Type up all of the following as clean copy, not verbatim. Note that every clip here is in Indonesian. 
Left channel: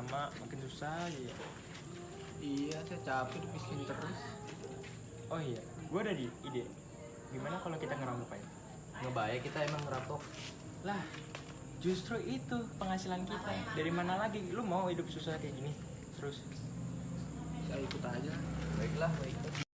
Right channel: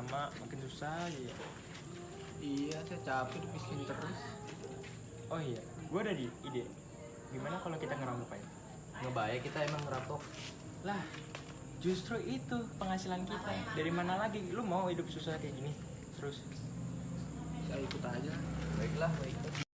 lama makin susah aja ya. Iya, saya capek dipiskin terus. Oh iya, gue ada di ide. Gimana kalau kita ngerampok aja? Ngebayar kita emang ngerampok. Lah, justru itu penghasilan kita. Dari mana lagi? Lu mau hidup susah kayak gini terus? Saya ikut aja. Baiklah, baiklah.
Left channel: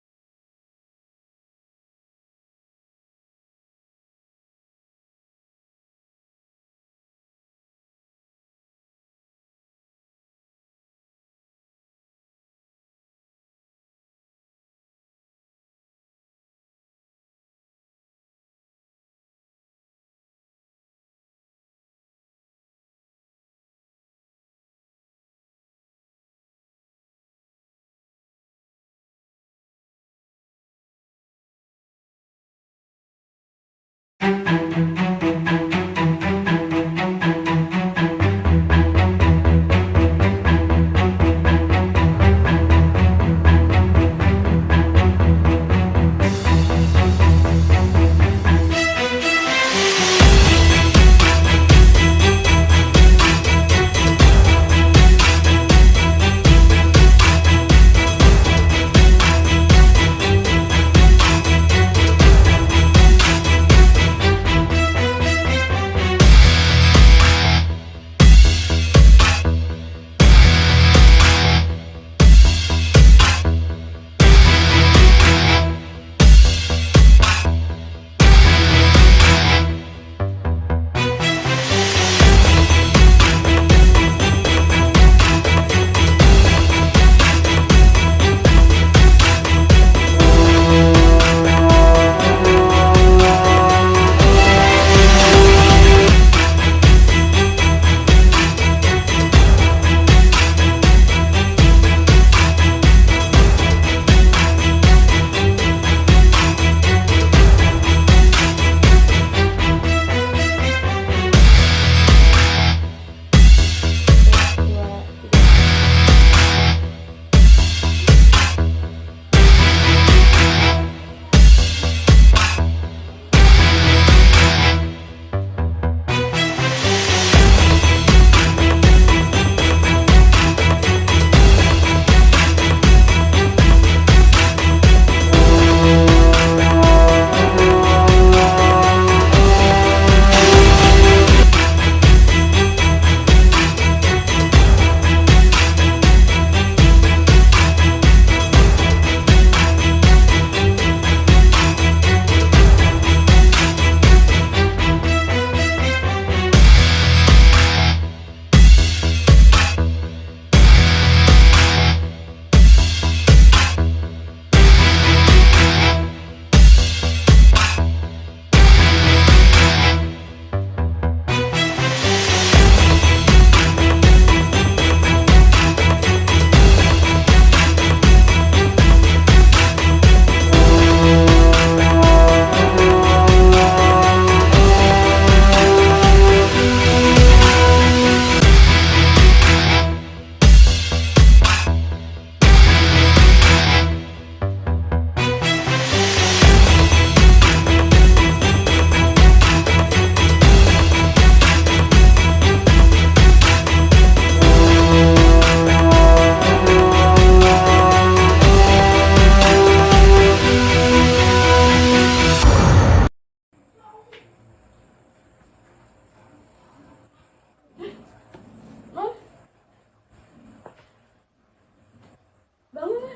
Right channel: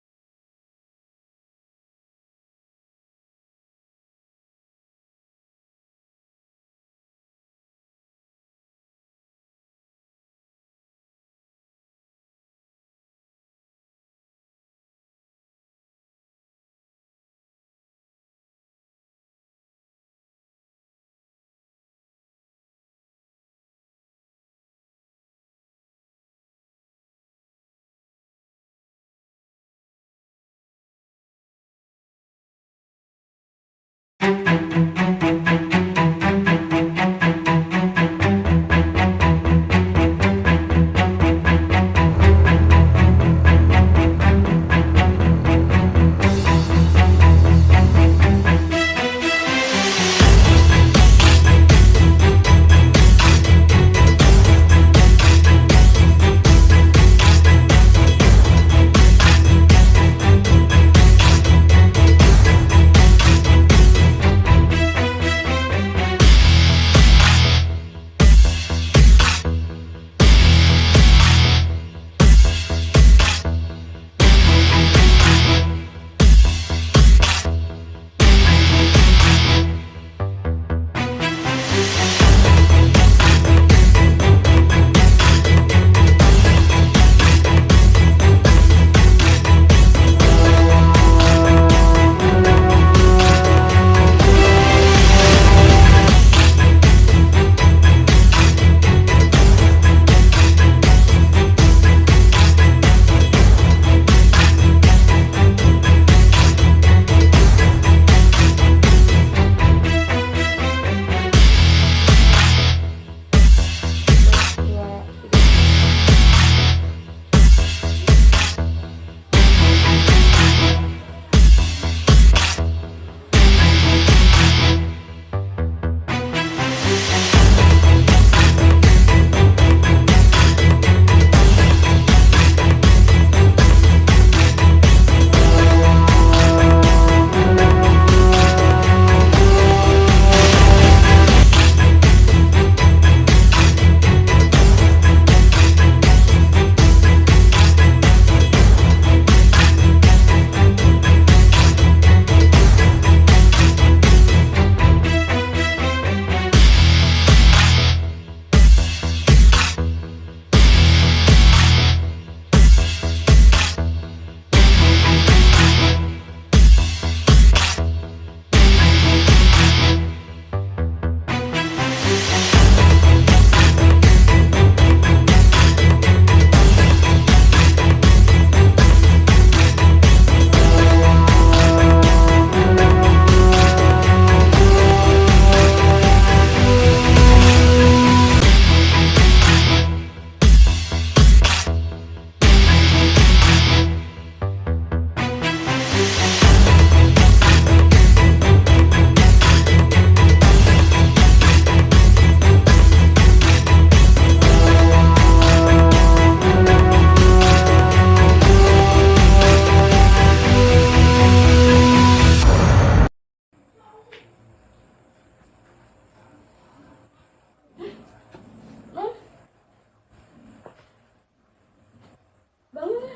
Bangun.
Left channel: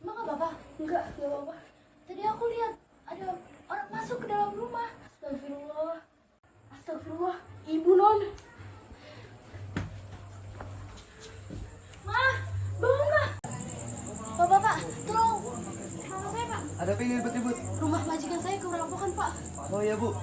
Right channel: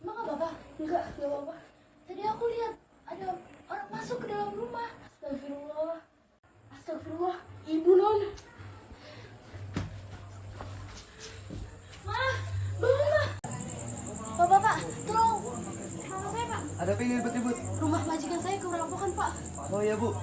Emang gak apa-apa? Enggak apa-apa. Tadi aku lihat ada orang masuk ke dalam rumah. Astagfirullah. Astagfirullah. Ibu non. Ma, bangun ma. Bapak, tolong. Rumah saya pak. Ada apa ini ribut-ribut? Rumah majikan saya kerampokan pak. Oh iya, Bu.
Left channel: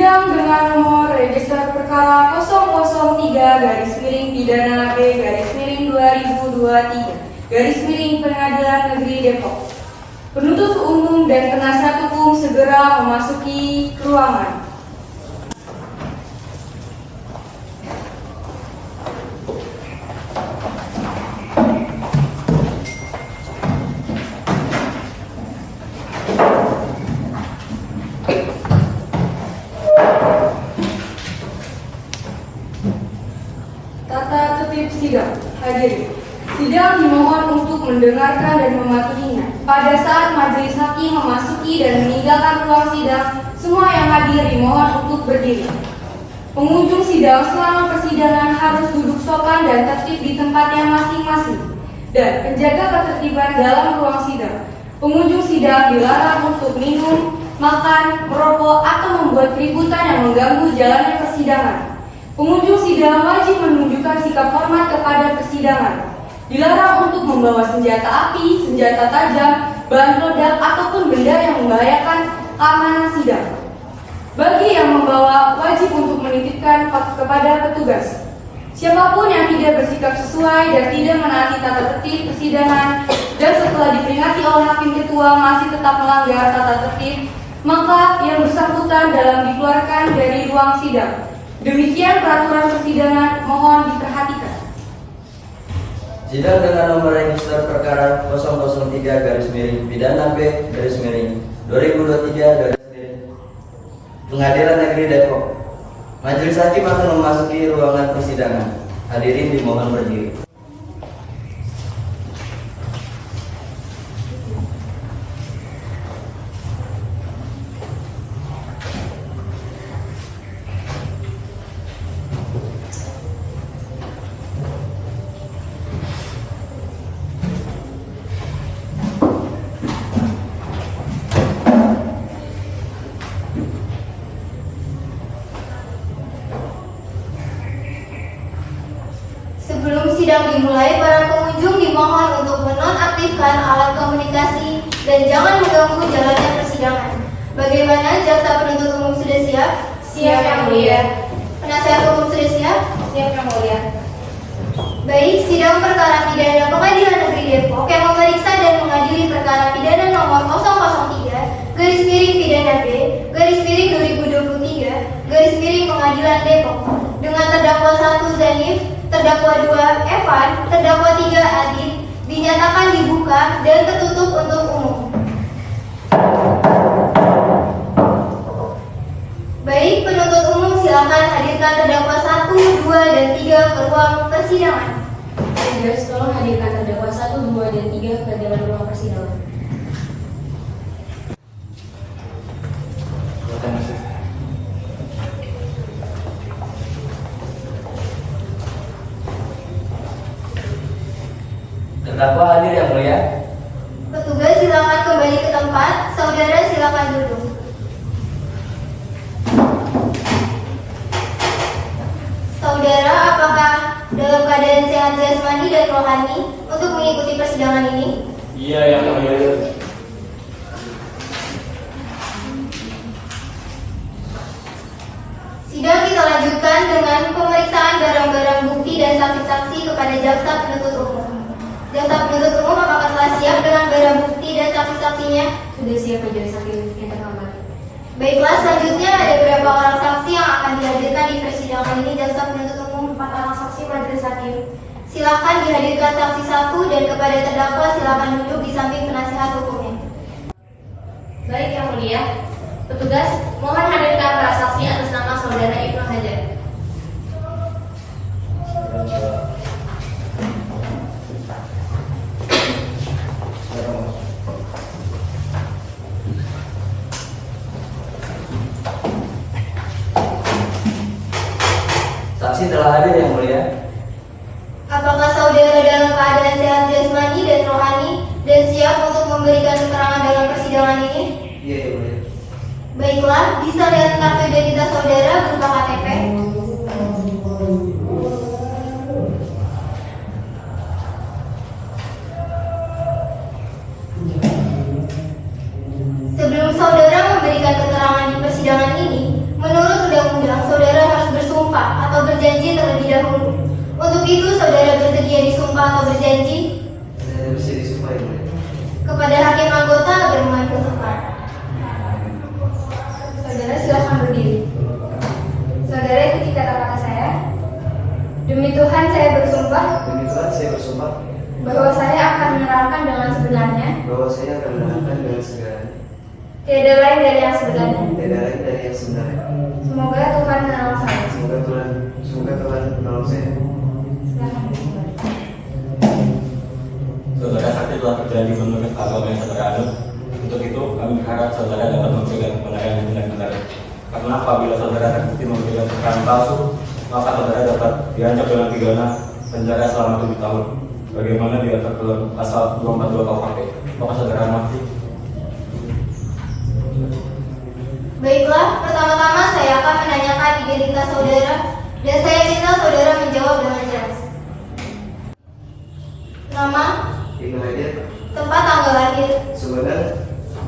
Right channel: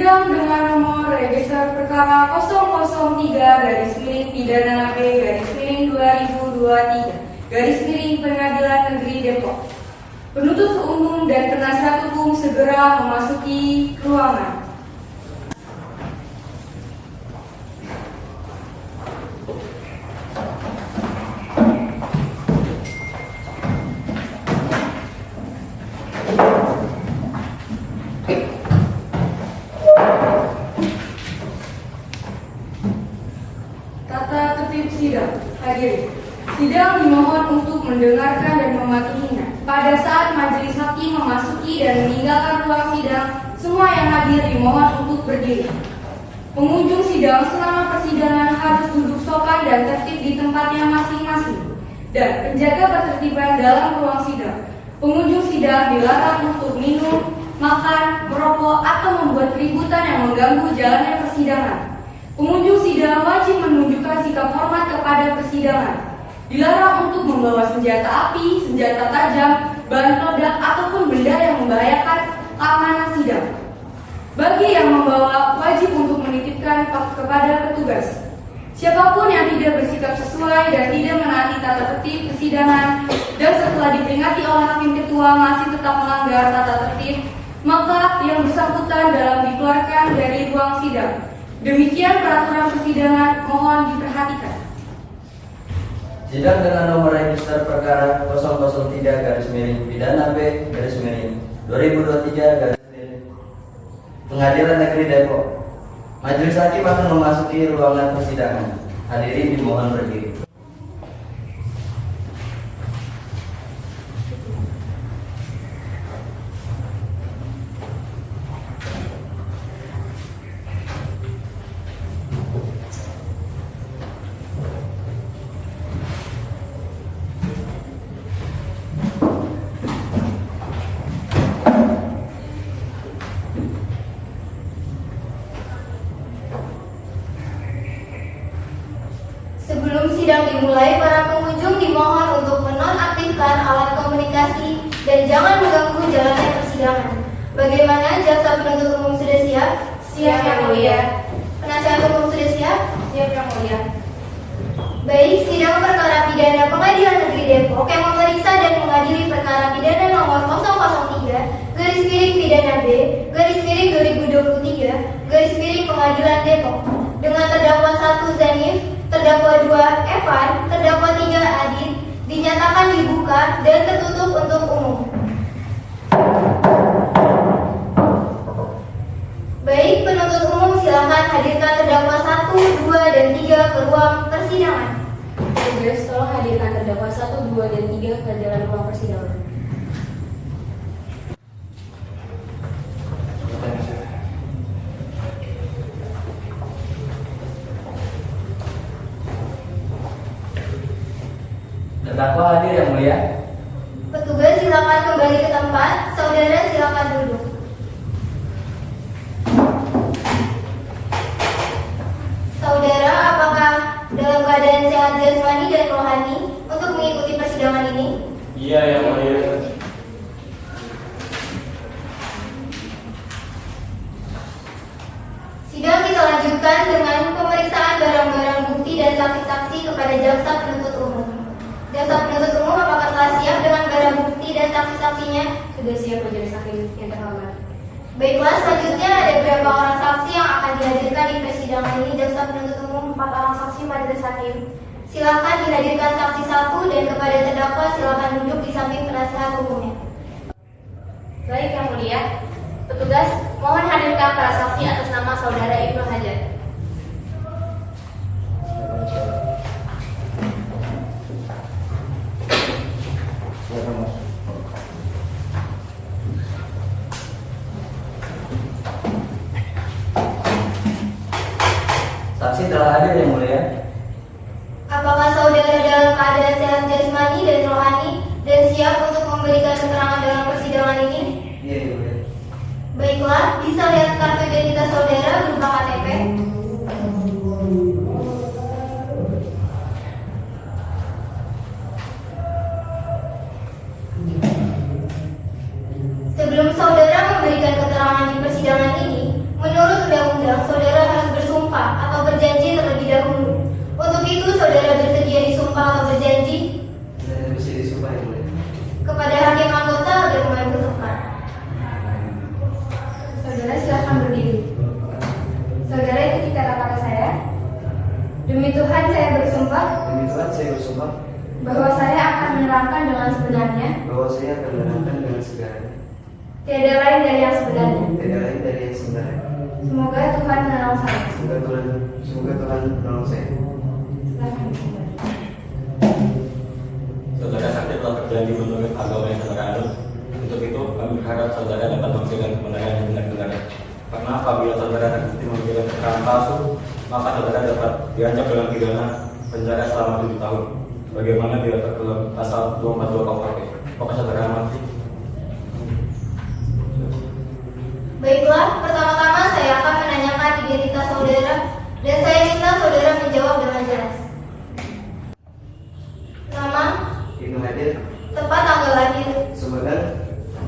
Sidang dengan nomor register perkara 003-B-2023 Pengadilan Negeri Depok. Penuntut umum dan penasihat hukum segera memasuki ruangan. Tata tertib sidang. Hadirin, sidang dimohon untuk mendengarkan dan mematuhinya. Pada saat majelis hakim memasuki dan meninggalkan ruang sidang, semua yang hadir dimohon untuk berdiri. Pengunjung sidang selama persidangan harus duduk sopan dan tertib di tempatnya masing-masing. Dan penjaga ketertiban dalam ruang sidang. Pengunjung sidang dilarang untuk minum, makan, merokok, atau membuat keributan yang mengganggu jalannya persidangan. Pengunjung sidang wajib menunjukkan sikap hormat kepada persidangan. Dilarang untuk membawa senjata api, senjata tajam, bahan peledak, ataupun benda yang membahayakan keamanan sidang. Bagi yang membawa, wajib untuk menitipkan kepada petugas. Siapapun yang tidak bersikap sesuai dan tidak menaati tata tertib persidangan dan setelah diperingati oleh hakim ketua masih tetap melanggar tata tertib, maka yang bersangkutan dalam dikeluarkan dari ruang sidang. Demikian peraturan persidangan, mohon diperhatikan. Sidang dengan nomor register perkara 003-Pidana B-2023 Pengadilan Negeri Depok. Majelis hakim akan memasuki ruangan persidangan. Hadirin dimohon berdiri. Sebelum sidang dimulai, para pengunjung dimohon untuk menonaktifkan alat komunikasi dan jangan mengganggu jalannya persidangan. Bagaimana, jaksa penuntut umum sudah siap? Siap, Yang Mulia. Penasihat hukum sudah siap? Siap, Yang Mulia. Baik, sidang perkara pidana Pengadilan Negeri Depok yang memeriksa dan mengadili perkara pidana nomor 003-Pidana B-2023 Pengadilan Depok dengan terdakwa 1 Zanif, terdakwa 2 Evan, terdakwa 3 Adit dinyatakan dibuka dan tertutup untuk umum. Baik, penuntut umum silakan hadirkan terdakwa 1, 2, dan 3 ke ruang persidangan. Petugas, tolong hadirkan terdakwa 1, 2, dan 3 ke dalam ruang persidangan. Terdakwa hadir, Yang Mulia. Petugas silakan kembali ke tempat. Saudara silakan duduk. Saudara, apakah dalam keadaan sehat jasmani dan rohani untuk mengikuti persidangan ini? Iya, Yang Mulia. Sidang kita lanjutkan dengan pemeriksaan barang-barang bukti dan saksi-saksi kepada jaksa penuntut umum. Jaksa penuntut umum apakah telah siap dengan barang bukti dan saksi-saksinya? Sudah siap, Majelis Hakim. Kita hormati. Baiklah, selanjutnya ada berapa orang saksi yang akan dihadirkan di persidangan ini? Jaksa penuntut umum 4 orang saksi, Majelis Hakim. Silakan dihadirkan saksi 1 dan kepada terdakwa silakan duduk di samping penasihat hukumnya. Baik, Yang Mulia. Petugas, mohon hadirkan para saksi atas nama Saudara Ibnu Hajar. Saksi telah hadir, Yang Mulia. Apakah saudara dalam keadaan sehat jasmani dan rohani dan siap untuk memberikan keterangan dalam persidangan ini? Iya, Yang Mulia. Baiklah, bisa lihat kartu identitas saudara berupa KTP. Sebelum saudara memberikan keterangan di persidangan ini, menurut itu, saudara bersedia disumpah atau berjanji Saya bisa disumpah yang mulia. kepada hakim anggota agar mengatur tepat. Saudara silakan berdiri. Saudara ikuti kata-kata saya. Demi Tuhan saya bersumpah Demi Tuhan saya bersumpah bahwa saya akan menerangkan dengan sebenarnya, bahwa saya akan menerangkan dengan segalanya, tiada lain dari yang sebenarnya. tidak lain dari yang sebenarnya. Semoga Tuhan menolong saya. Semoga Tuhan menolong saya. Silakan bersumpah. Saudara saksi telah berjanji menurut agama yang saudara anut. Untuk itu, kami berharap saudara dapat memberikan kebenaran yang benar-benar. Karena apabila saudara terbukti memberikan keterangan palsu, maka saudara dapat diancam dengan pidana penjara selama 7 tahun. Bagaimana diatur dalam pasal 242 KUHP? Apakah saudara mengerti? Baiklah, pertama-tama saya akan menanyakan identitas saudara dan saya minta saudara menjawab dengan jelas. Nama, Ibnu Hadir, tempat tanggal lahir, Sumedang,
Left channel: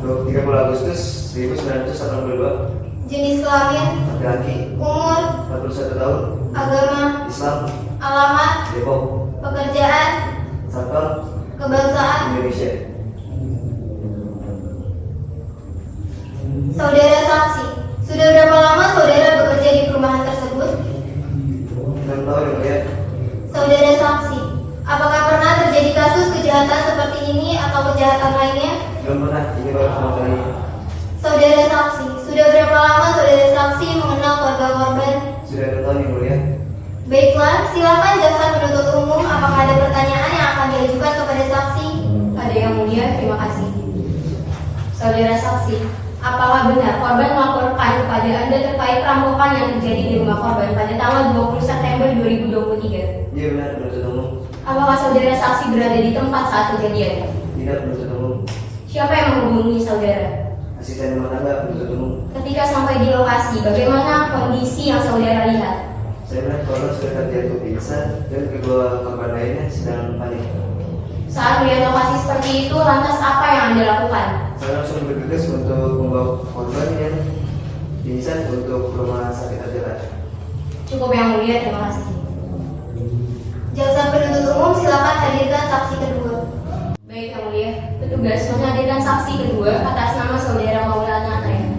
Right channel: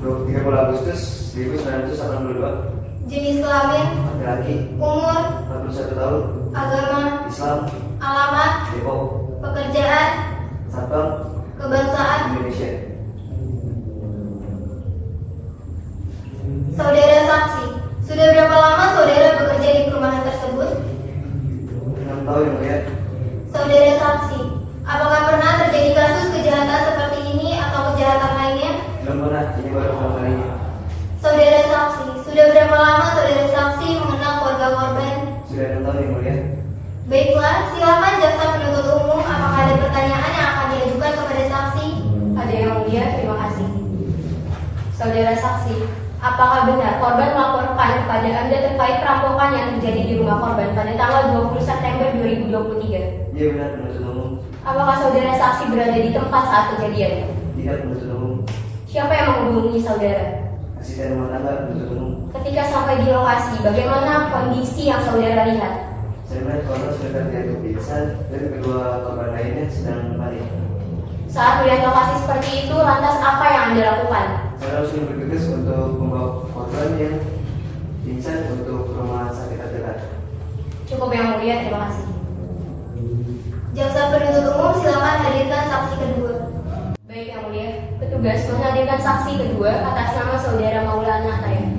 30 Agustus 1982, jenis kelamin, laki-laki, umur, 41 tahun, agama, Islam, alamat, Depok, pekerjaan, Satpam, kebangsaan. Indonesia. Saudara saksi, sudah berapa lama saudara bekerja di perumahan tersebut? 6 tahun yang mulia. Saudara saksi, apakah pernah terjadi kasus kejahatan seperti ini atau kejahatan lainnya? Belum pernah, ini baru pertama kali. Saudara saksi, sudah berapa lama saudara saksi mengenal keluarga korban? Sudah 6 tahun yang mulia. Baiklah, silakan jaksa penuntut umum. Apakah ada pertanyaan yang akan diajukan kepada saksi? Ada yang mulia, terima kasih. Saudara saksi, apakah benar korban melaporkan kepada Anda terkait perampokan yang terjadi di rumah korban pada tanggal 20 September 2023? Iya benar, penuntut umum. Apakah saudara saksi berada di tempat saat kejadian? Tidak, penuntut umum. Siapa yang menghubungi saudara? Asisten rumah tangga, penuntut umum. Ketika sampai di lokasi, bagaimana kondisi yang saudara lihat? Saya melihat korban sudah jatuh pingsan dan kedua korban lainnya sedang panik. Saat melihat lokasi seperti itu, lantas apa yang Anda lakukan? Saya langsung bergegas untuk membawa korban yang pingsan untuk rumah sakit terdekat. Cukup yang mulia, terima kasih. Jaksa penuntut umum silakan hadirkan saksi kedua. Baik yang mulia, petugas menghadirkan saksi kedua atas nama saudara Maulana Ayah.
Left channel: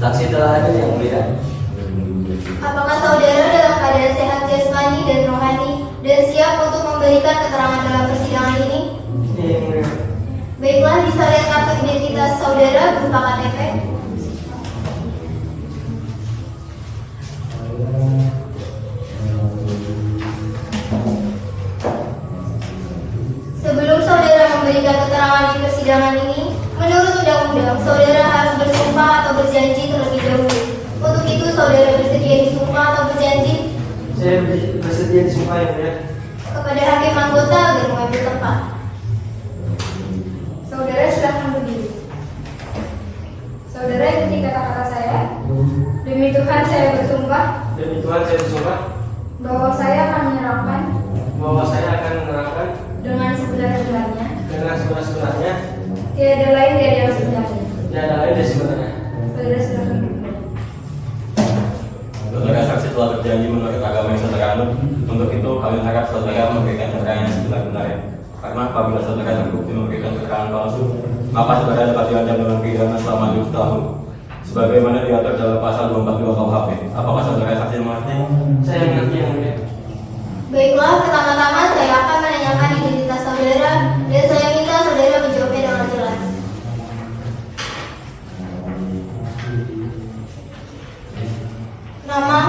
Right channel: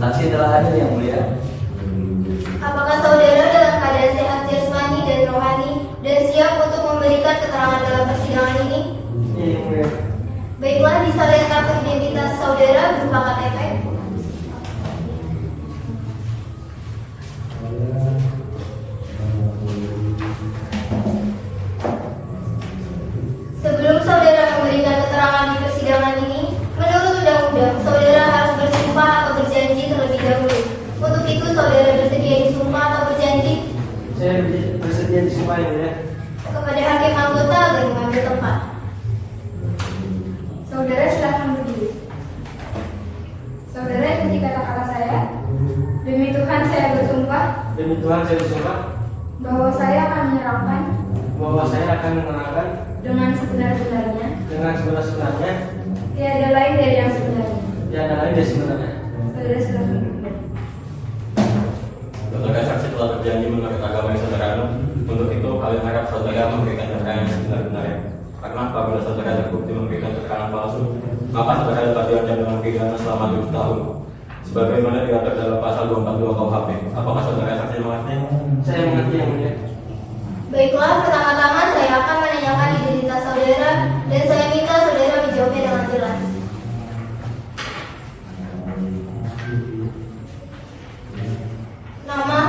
Saksi telah hadir yang mulia. Apakah saudara dalam keadaan sehat jasmani dan rohani dan siap untuk memberikan keterangan dalam persidangan ini? Iya, yang mulia. Baiklah, disalin kartu identitas saudara berupa KTP. Sebelum saudara memberikan keterangan di persidangan ini, menurut undang-undang, saudara harus bersumpah atau berjanji terlebih dahulu. Untuk itu, saudara bersedia disumpah atau berjanji Saya bersedia disumpah yang mulia. kepada hakim anggota agar mengambil tempat. Saudara silakan berdiri. Saudara ikuti kata-kata saya. Demi Tuhan saya bersumpah Demi Tuhan saya bersumpah bahwa saya akan menerangkan bahwa saya akan menerangkan dengan sebenar-benarnya, dengan sebenar-benarnya tiada lain dari yang sebenarnya. tiada lain dari sebenarnya. Saudara silakan berdiri. Saudara saksi telah berjanji menurut agama yang saudara anut. Untuk itu, kami harap saudara memberikan keterangan yang sebenar-benarnya. Karena apabila saudara terbukti memberikan keterangan palsu, maka saudara dapat diancam dengan pidana selama 7 tahun. Sebagaimana diatur dalam pasal 242 KUHP. Apakah saudara saksi mengerti? Saya mengerti yang mulia. Baiklah, pertama-tama saya akan menanyakan identitas saudara dan saya minta saudara menjawabnya dengan jelas. Nama,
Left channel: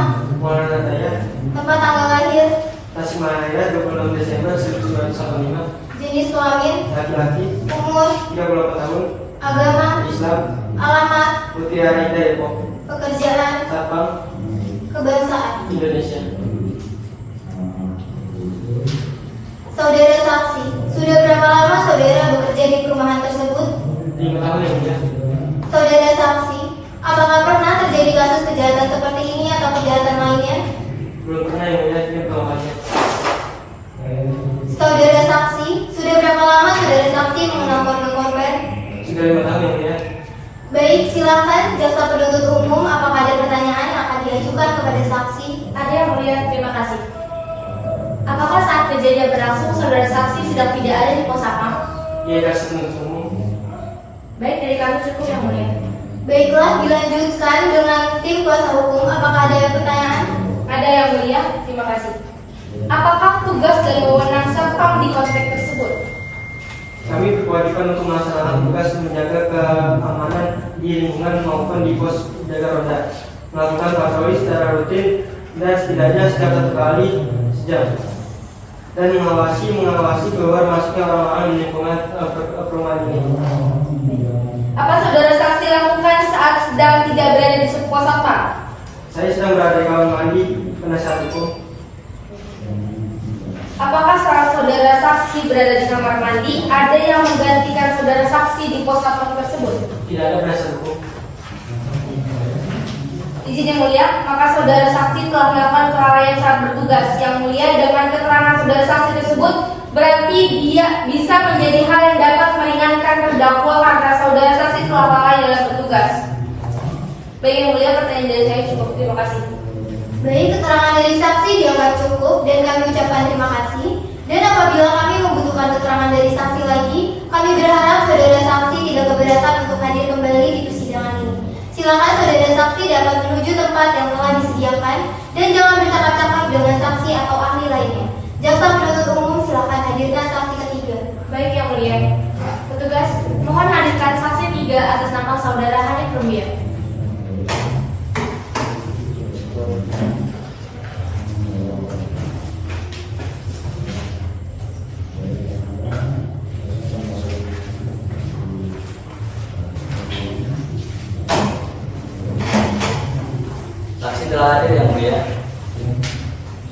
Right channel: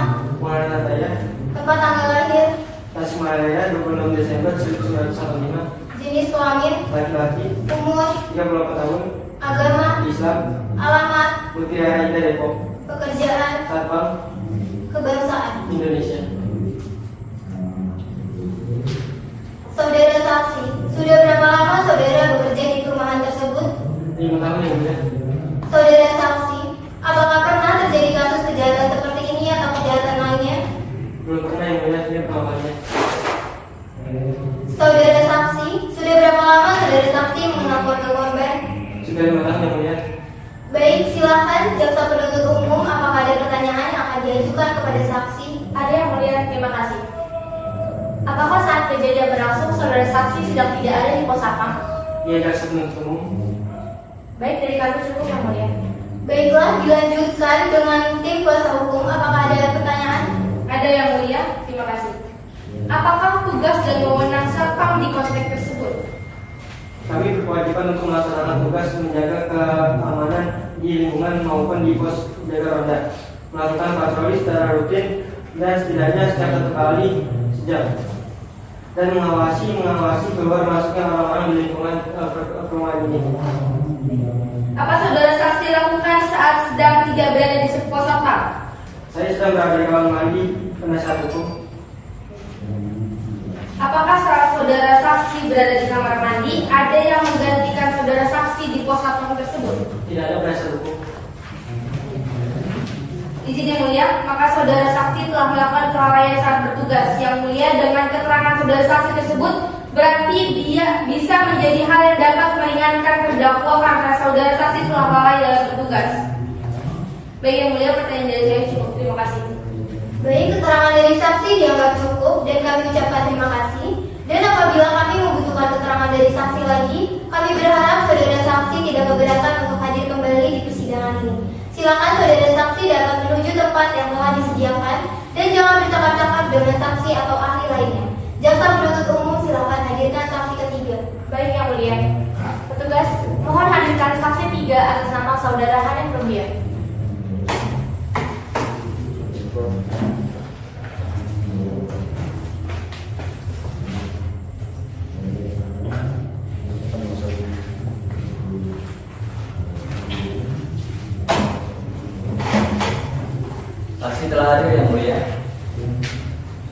Maulana Ayah, tempat tanggal lahir, Tasikmalaya, 26 Desember 1945, jenis kelamin, laki-laki, umur, 38 tahun, agama, Islam, alamat, Mutiara Indah Depok, pekerjaan, Satpam, kebangsaan. Indonesia. Saudara saksi, sudah berapa lama saudara bekerja di perumahan tersebut? 5 tahun yang mulia. Saudara saksi, apakah pernah terjadi kasus kejahatan seperti ini atau kejahatan lainnya? Belum pernah yang yang akan diajukan kepada saksi. Ada yang mulia, terima kasih. Apakah saat kejadian berlangsung saudara saksi sedang tidak ada di pos sapam? Iya, jaksa penuntut umum. Baik, dari kami cukup yang mulia. Baiklah, dilanjutkan dengan tim kuasa hukum. Apakah ada pertanyaan? Ada yang mulia, terima kasih. Apakah tugas dan wewenang sapam di konteks tersebut? Kami berkewajiban untuk melaksanakan tugas menjaga keamanan di lingkungan maupun di pos jaga ronda, melakukan patroli secara rutin dan setidaknya setiap 1 kali sejam, dan mengawasi keluar masuknya orang-orang di lingkungan perumahan ini. Apa saudara saksi lakukan saat sedang tidak berada di pos sapam? Saya sedang berada di kamar mandi penasihat hukum. Apakah saat saudara saksi berada di kamar mandi, ada yang menggantikan saudara saksi di pos satpam tersebut? Tidak ada penasihat hukum. Izin yang mulia, maka saudara saksi telah melakukan kelalaian saat bertugas. Yang mulia, dengan keterangan saudara saksi tersebut, berarti dia bisa menjadi hal yang dapat meringankan terdakwa karena saudara saksi telah lalai dalam bertugas. Baik yang mulia, pertanyaan dari saya cukup. Terima kasih. Baik, keterangan dari saksi dianggap cukup dan kami ucapkan terima kasih. Dan apabila kami membutuhkan keterangan dari saksi lagi, kami berharap saudara saksi tidak keberatan untuk hadir kembali di persidangan ini. Silakan saudara saksi dapat menuju tempat yang telah disediakan dan jangan bercakap-cakap dengan saksi atau ahli lainnya. Jaksa penuntut umum silakan hadirkan saksi ketiga. Baik yang mulia. Petugas, mohon hadirkan saksi 3 atas nama saudara Hanif Rubiah. Saksi telah hadir yang mulia.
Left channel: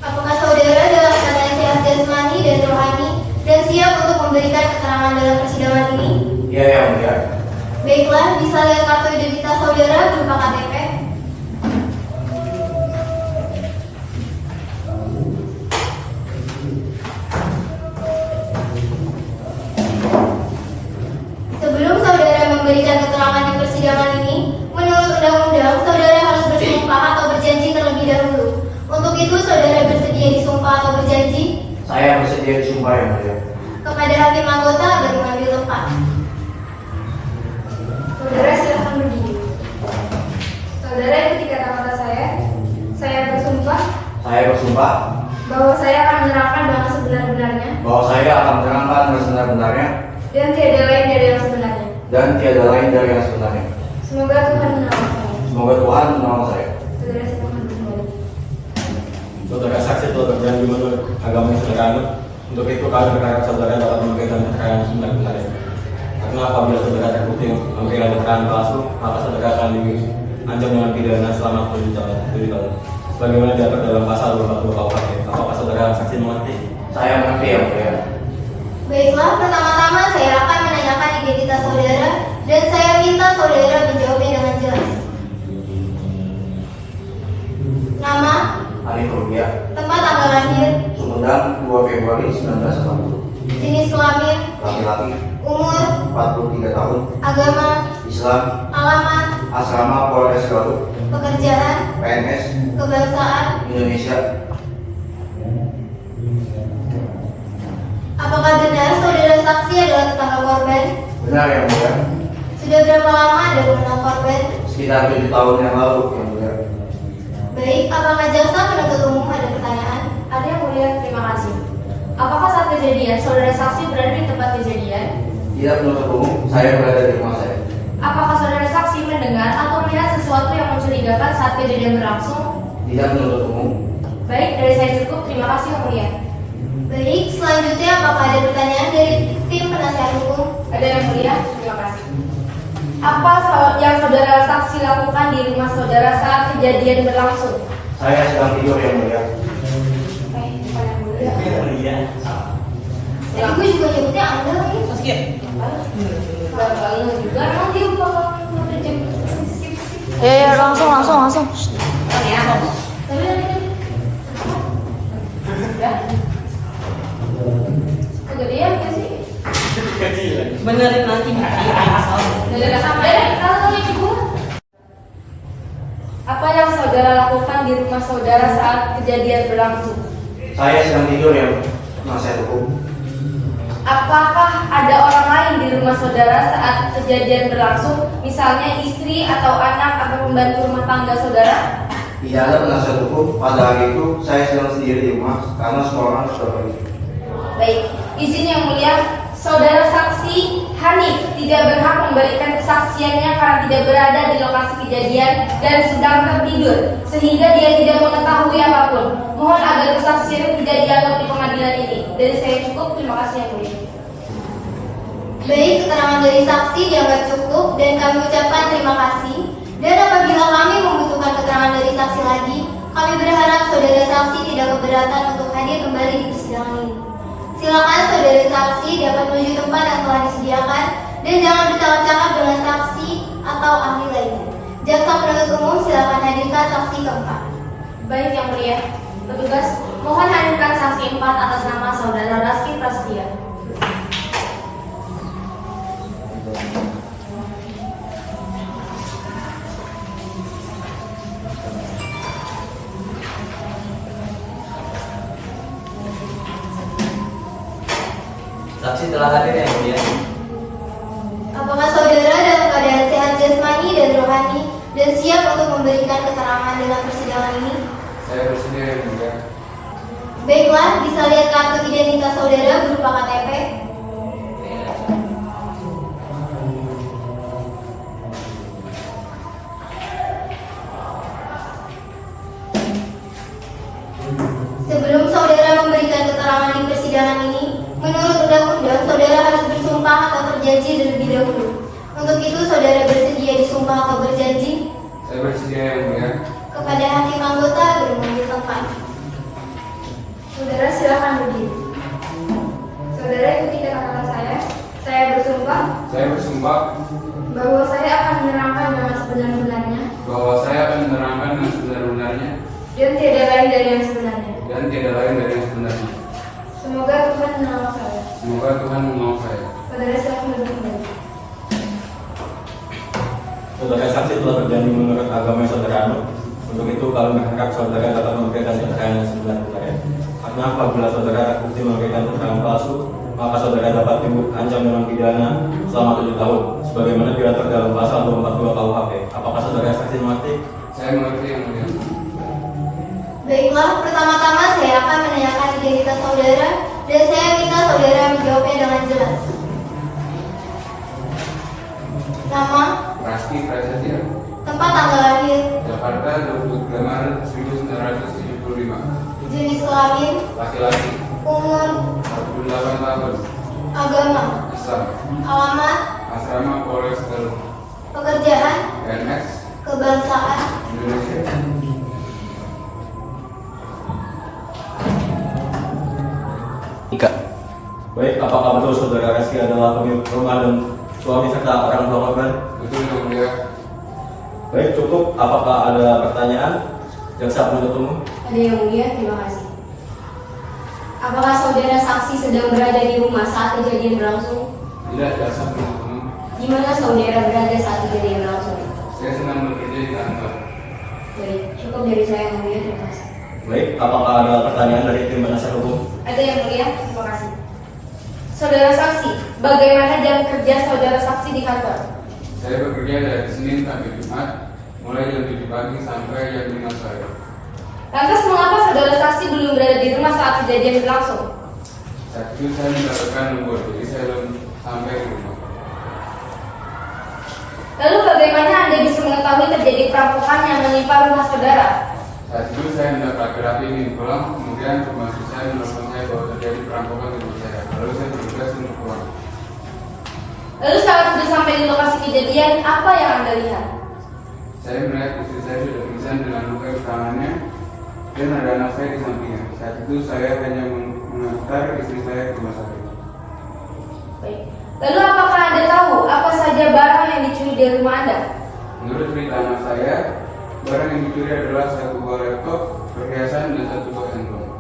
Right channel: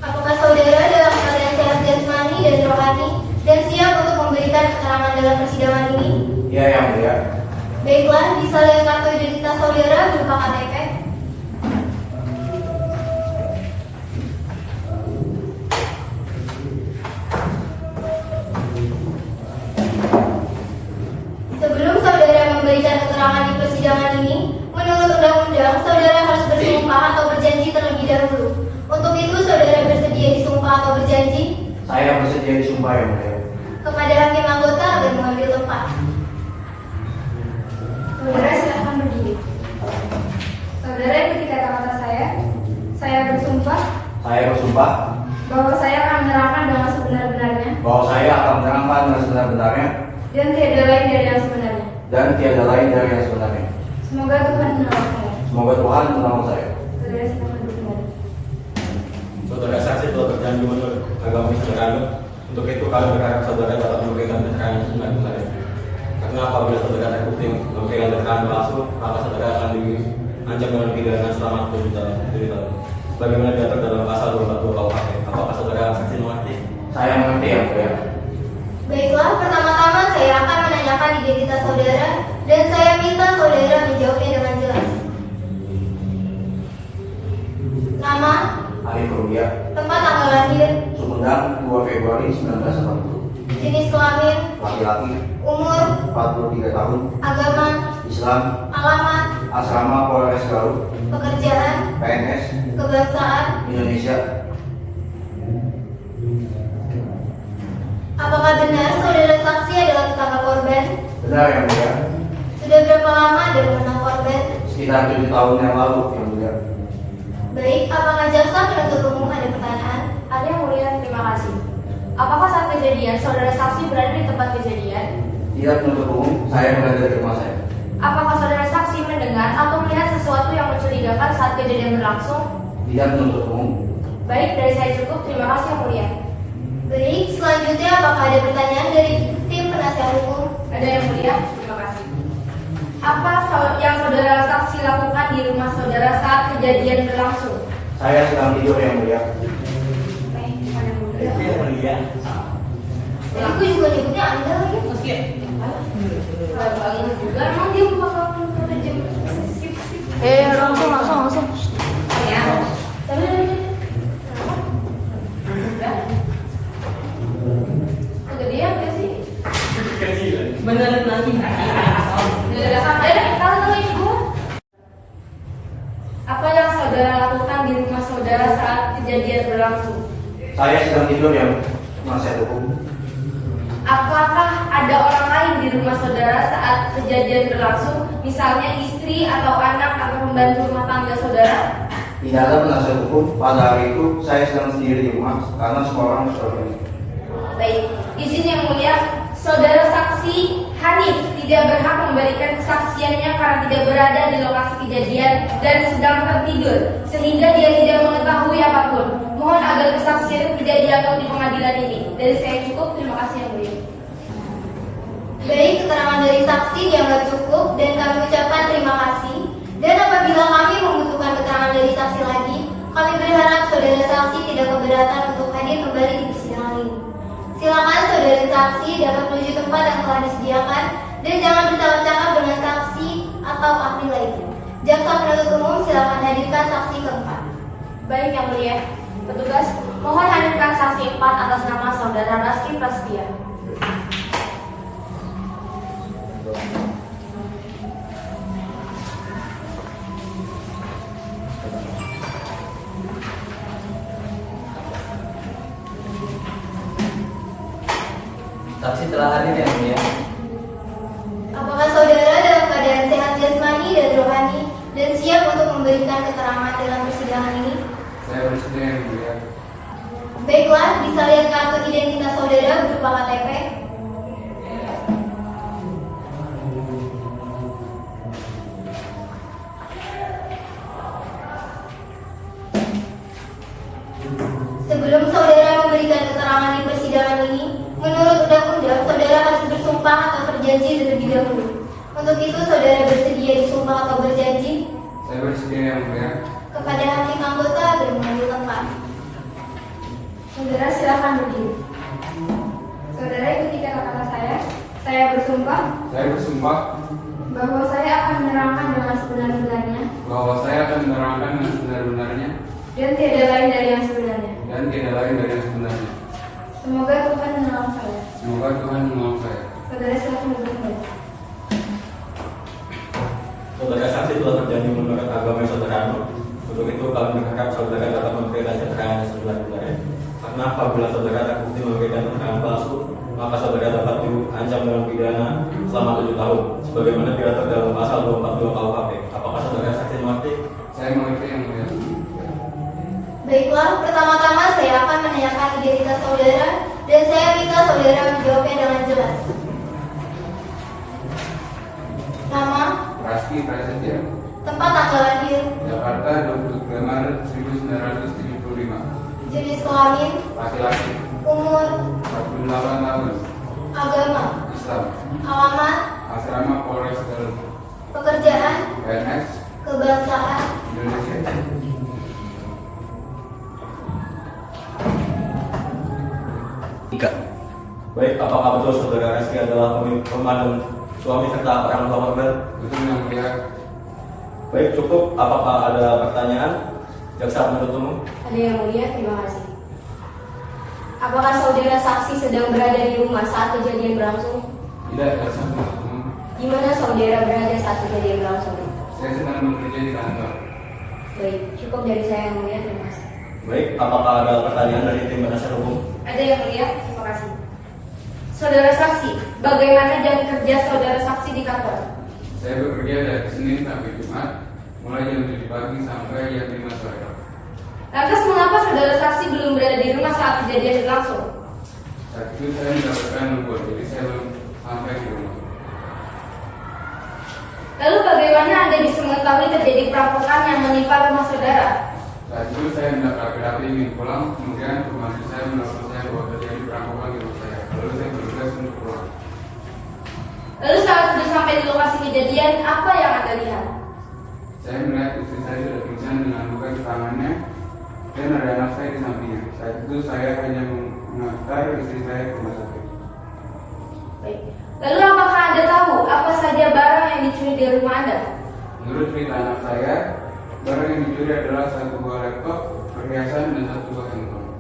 Apakah saudara dalam keadaan sehat jasmani dan rohani dan siap untuk memberikan keterangan dalam persidangan ini? Iya yang mulia. Baiklah, bisa lihat kartu identitas saudara berupa KTP. Sebelum saudara memberikan keterangan di persidangan ini, menurut undang-undang, saudara harus bersumpah atau berjanji terlebih dahulu. Untuk itu, saudara bersedia disumpah atau berjanji Saya bersedia disumpah yang mulia. kepada hakim anggota agar mengambil tempat. Saudara silahkan berdiri. Saudara ikuti kata-kata saya. Saya bersumpah Saya bersumpah bahwa saya akan menerangkan dengan sebenar-benarnya bahwa saya akan menerangkan dengan sebenar-benarnya dan tiada lain dari yang sebenarnya. dan tiada lain dari yang sebenarnya. Semoga Tuhan menolong saya. Semoga Tuhan menolong saya. Saudara silahkan kembali. Saudara saksi telah berjanji menurut agama yang saudara anut. Untuk itu kami berharap saudara dapat memberikan keterangan sebenar-benarnya. Karena apabila saudara terbukti memberikan keterangan palsu, maka saudara akan diancam dengan pidana selama 7 tahun. Bagaimana diatur dalam pasal 242 KUHP? Apakah saudara saksi mengerti? Saya mengerti ya, mulia. Baiklah, pertama-tama saya akan menanyakan identitas saudara dan saya minta saudara menjawabnya dengan jelas. Nama, Hanif Rubiah, tempat tanggal lahir, Sumedang, 2 Februari 1980. jenis kelamin, Laki-laki, umur, 43 tahun, agama, Islam, alamat, asrama Polres Garut, pekerjaan, PNS, kebangsaan. Indonesia. Apakah benar saudara saksi adalah tetangga korban? Benar yang mulia. Sudah berapa lama ada mengenal korban? Sekitar 7 tahun yang lalu yang mulia. Baik, apakah jaksa penuntut umum ada pertanyaan? Ada yang mulia, terima kasih. Apakah saat kejadian saudara saksi berada di tempat kejadian? Tidak menutup umum, saya berada di rumah saya. Apakah saudara saksi mendengar atau melihat sesuatu yang mencurigakan saat kejadian berlangsung? Tidak menutup umum. Baik, dari saya cukup. Terima kasih yang mulia. Baik, selanjutnya apakah ada pertanyaan dari tim penasihat hukum? Ada yang mulia, terima kasih. Apa yang saudara saksi lakukan di rumah saudara saat kejadian berlangsung? Saya sedang tidur yang mulia. Baik, bukan yang mulia. Iya. Tadi gue juga nyebutnya Anda lagi. Enggak banget juga. Emang dia bakal kerja langsung. Oh ya. Kegedean gak sih? Bener nanti Kalau ibu, apa yang saudara di rumah saudara saat kejadian berlangsung? Saya sedang tidur ya, penasihat hukum. Apakah ada orang lain di rumah saudara saat kejadian berlangsung, misalnya istri atau anak atau pembantu rumah tangga saudara? Tidak ada penasihat hukum. Pada hari itu saya sedang sendiri di rumah karena semua orang sudah pergi. Baik, izin yang mulia, saudara saksi Hanif tidak berhak memberikan kesaksiannya karena tidak berada di lokasi kejadian dan sedang tertidur, sehingga dia tidak mengetahui apapun. Mohon agar kesaksian tidak dianggap di pengadilan ini. Dari saya cukup, terima kasih yang mulia. Baik, keterangan dari saksi dianggap cukup dan kami ucapkan terima kasih. Dan apabila kami membutuhkan keterangan dari saksi lagi, kami berharap saudara saksi tidak keberatan untuk hadir kembali di persidangan ini. Silakan saudara saksi dapat menuju tempat yang telah disediakan dan jangan bercakap-cakap dengan saksi atau ahli lainnya. Jaksa penuntut umum silakan hadirkan saksi keempat. Baik yang mulia, petugas mohon hadirkan saksi 4 atas nama saudara Raski Prasetya. Saksi telah hadir yang mulia. Apakah saudara dalam keadaan sehat jasmani dan rohani dan siap untuk memberikan keterangan dalam persidangan ini? Saya bersedia yang mulia. Baiklah, bisa lihat kartu identitas saudara berupa KTP. Sebelum saudara memberikan keterangan di persidangan ini, menurut undang-undang saudara harus bersumpah atau berjanji terlebih dahulu. Untuk itu saudara bersedia disumpah atau berjanji? Saya bersedia yang mulia. Kepada hakim anggota agar mengambil tempat. Saudara silakan berdiri. Saudara ikuti kata-kata saya. Saya bersumpah Saya bersumpah bahwa saya akan menerangkan dengan sebenar-benarnya bahwa saya akan menerangkan dengan sebenar-benarnya dan tidak lain dari yang sebenarnya. dan tidak lain dari yang sebenarnya. Semoga Tuhan menolong saya. Semoga Tuhan menolong saya. Saudara silakan duduk kembali. Saudara saksi telah berjanji menurut agama yang saudara anut. Untuk itu kami berharap saudara dapat memberikan keterangan yang sebenar-benarnya. Karena apabila saudara terbukti memberikan keterangan palsu, maka saudara dapat diancam dengan pidana selama 7 tahun, sebagaimana diatur dalam pasal 242 KUHP. Apakah saudara saksi mengerti? Saya mengerti yang mulia. Baiklah, pertama-tama saya akan menanyakan identitas saudara dan saya minta saudara menjawabnya dengan jelas. Nama, Raski Prasetya, tempat tanggal lahir, Jakarta, 23 Maret 1975. jenis kelamin, Laki-laki, umur, 48 tahun, agama, Islam, alamat, asrama Polres Garut, pekerjaan, PNS, kebangsaan, Indonesia. Baik, apakah betul saudara Reski adalah pembantu suami serta orang tua korban? Betul yang mulia. Baik, cukup. Apakah ada pertanyaan? Jaksa penuntut umum. Ada yang mulia, terima kasih. Apakah saudara saksi sedang berada di rumah saat kejadian berlangsung? Tidak, jaksa penuntut umum. Di mana saudara berada saat kejadian berlangsung? Saya sedang bekerja di kantor. Baik, cukup dari saya yang mulia, terima kasih. Baik, apakah ada pertanyaan dari tim penasihat hukum? Ada yang mulia, terima kasih. Saudara saksi, bagaimana jam kerja saudara saksi di kantor? Saya bekerja dari Senin sampai Jumat, mulai jam 7 pagi sampai jam 5 sore. Lantas mengapa saudara saksi belum berada di rumah saat kejadian berlangsung? Saat itu saya melakukan lembur, jadi saya belum sampai di rumah. Lalu bagaimana Anda bisa mengetahui terjadi perampokan yang menimpa rumah saudara? Saat itu saya hendak rapi-rapi ingin pulang, kemudian pembantu saya menelpon saya bahwa terjadi perampokan di rumah saya. Lalu saya bertugas untuk pulang. Lalu saat sudah sampai di lokasi kejadian, apa yang Anda lihat? Saya melihat istri saya sudah pingsan dengan luka di tangannya dan ada anak saya di sampingnya. Saat itu saya hanya mengantar istri saya ke rumah sakit. Baik. Lalu apakah Anda tahu apa saja barang yang dicuri dari rumah Anda? Menurut cerita anak saya, barang yang dicuri adalah 1 buah laptop, perhiasan, dan 1 buah handphone.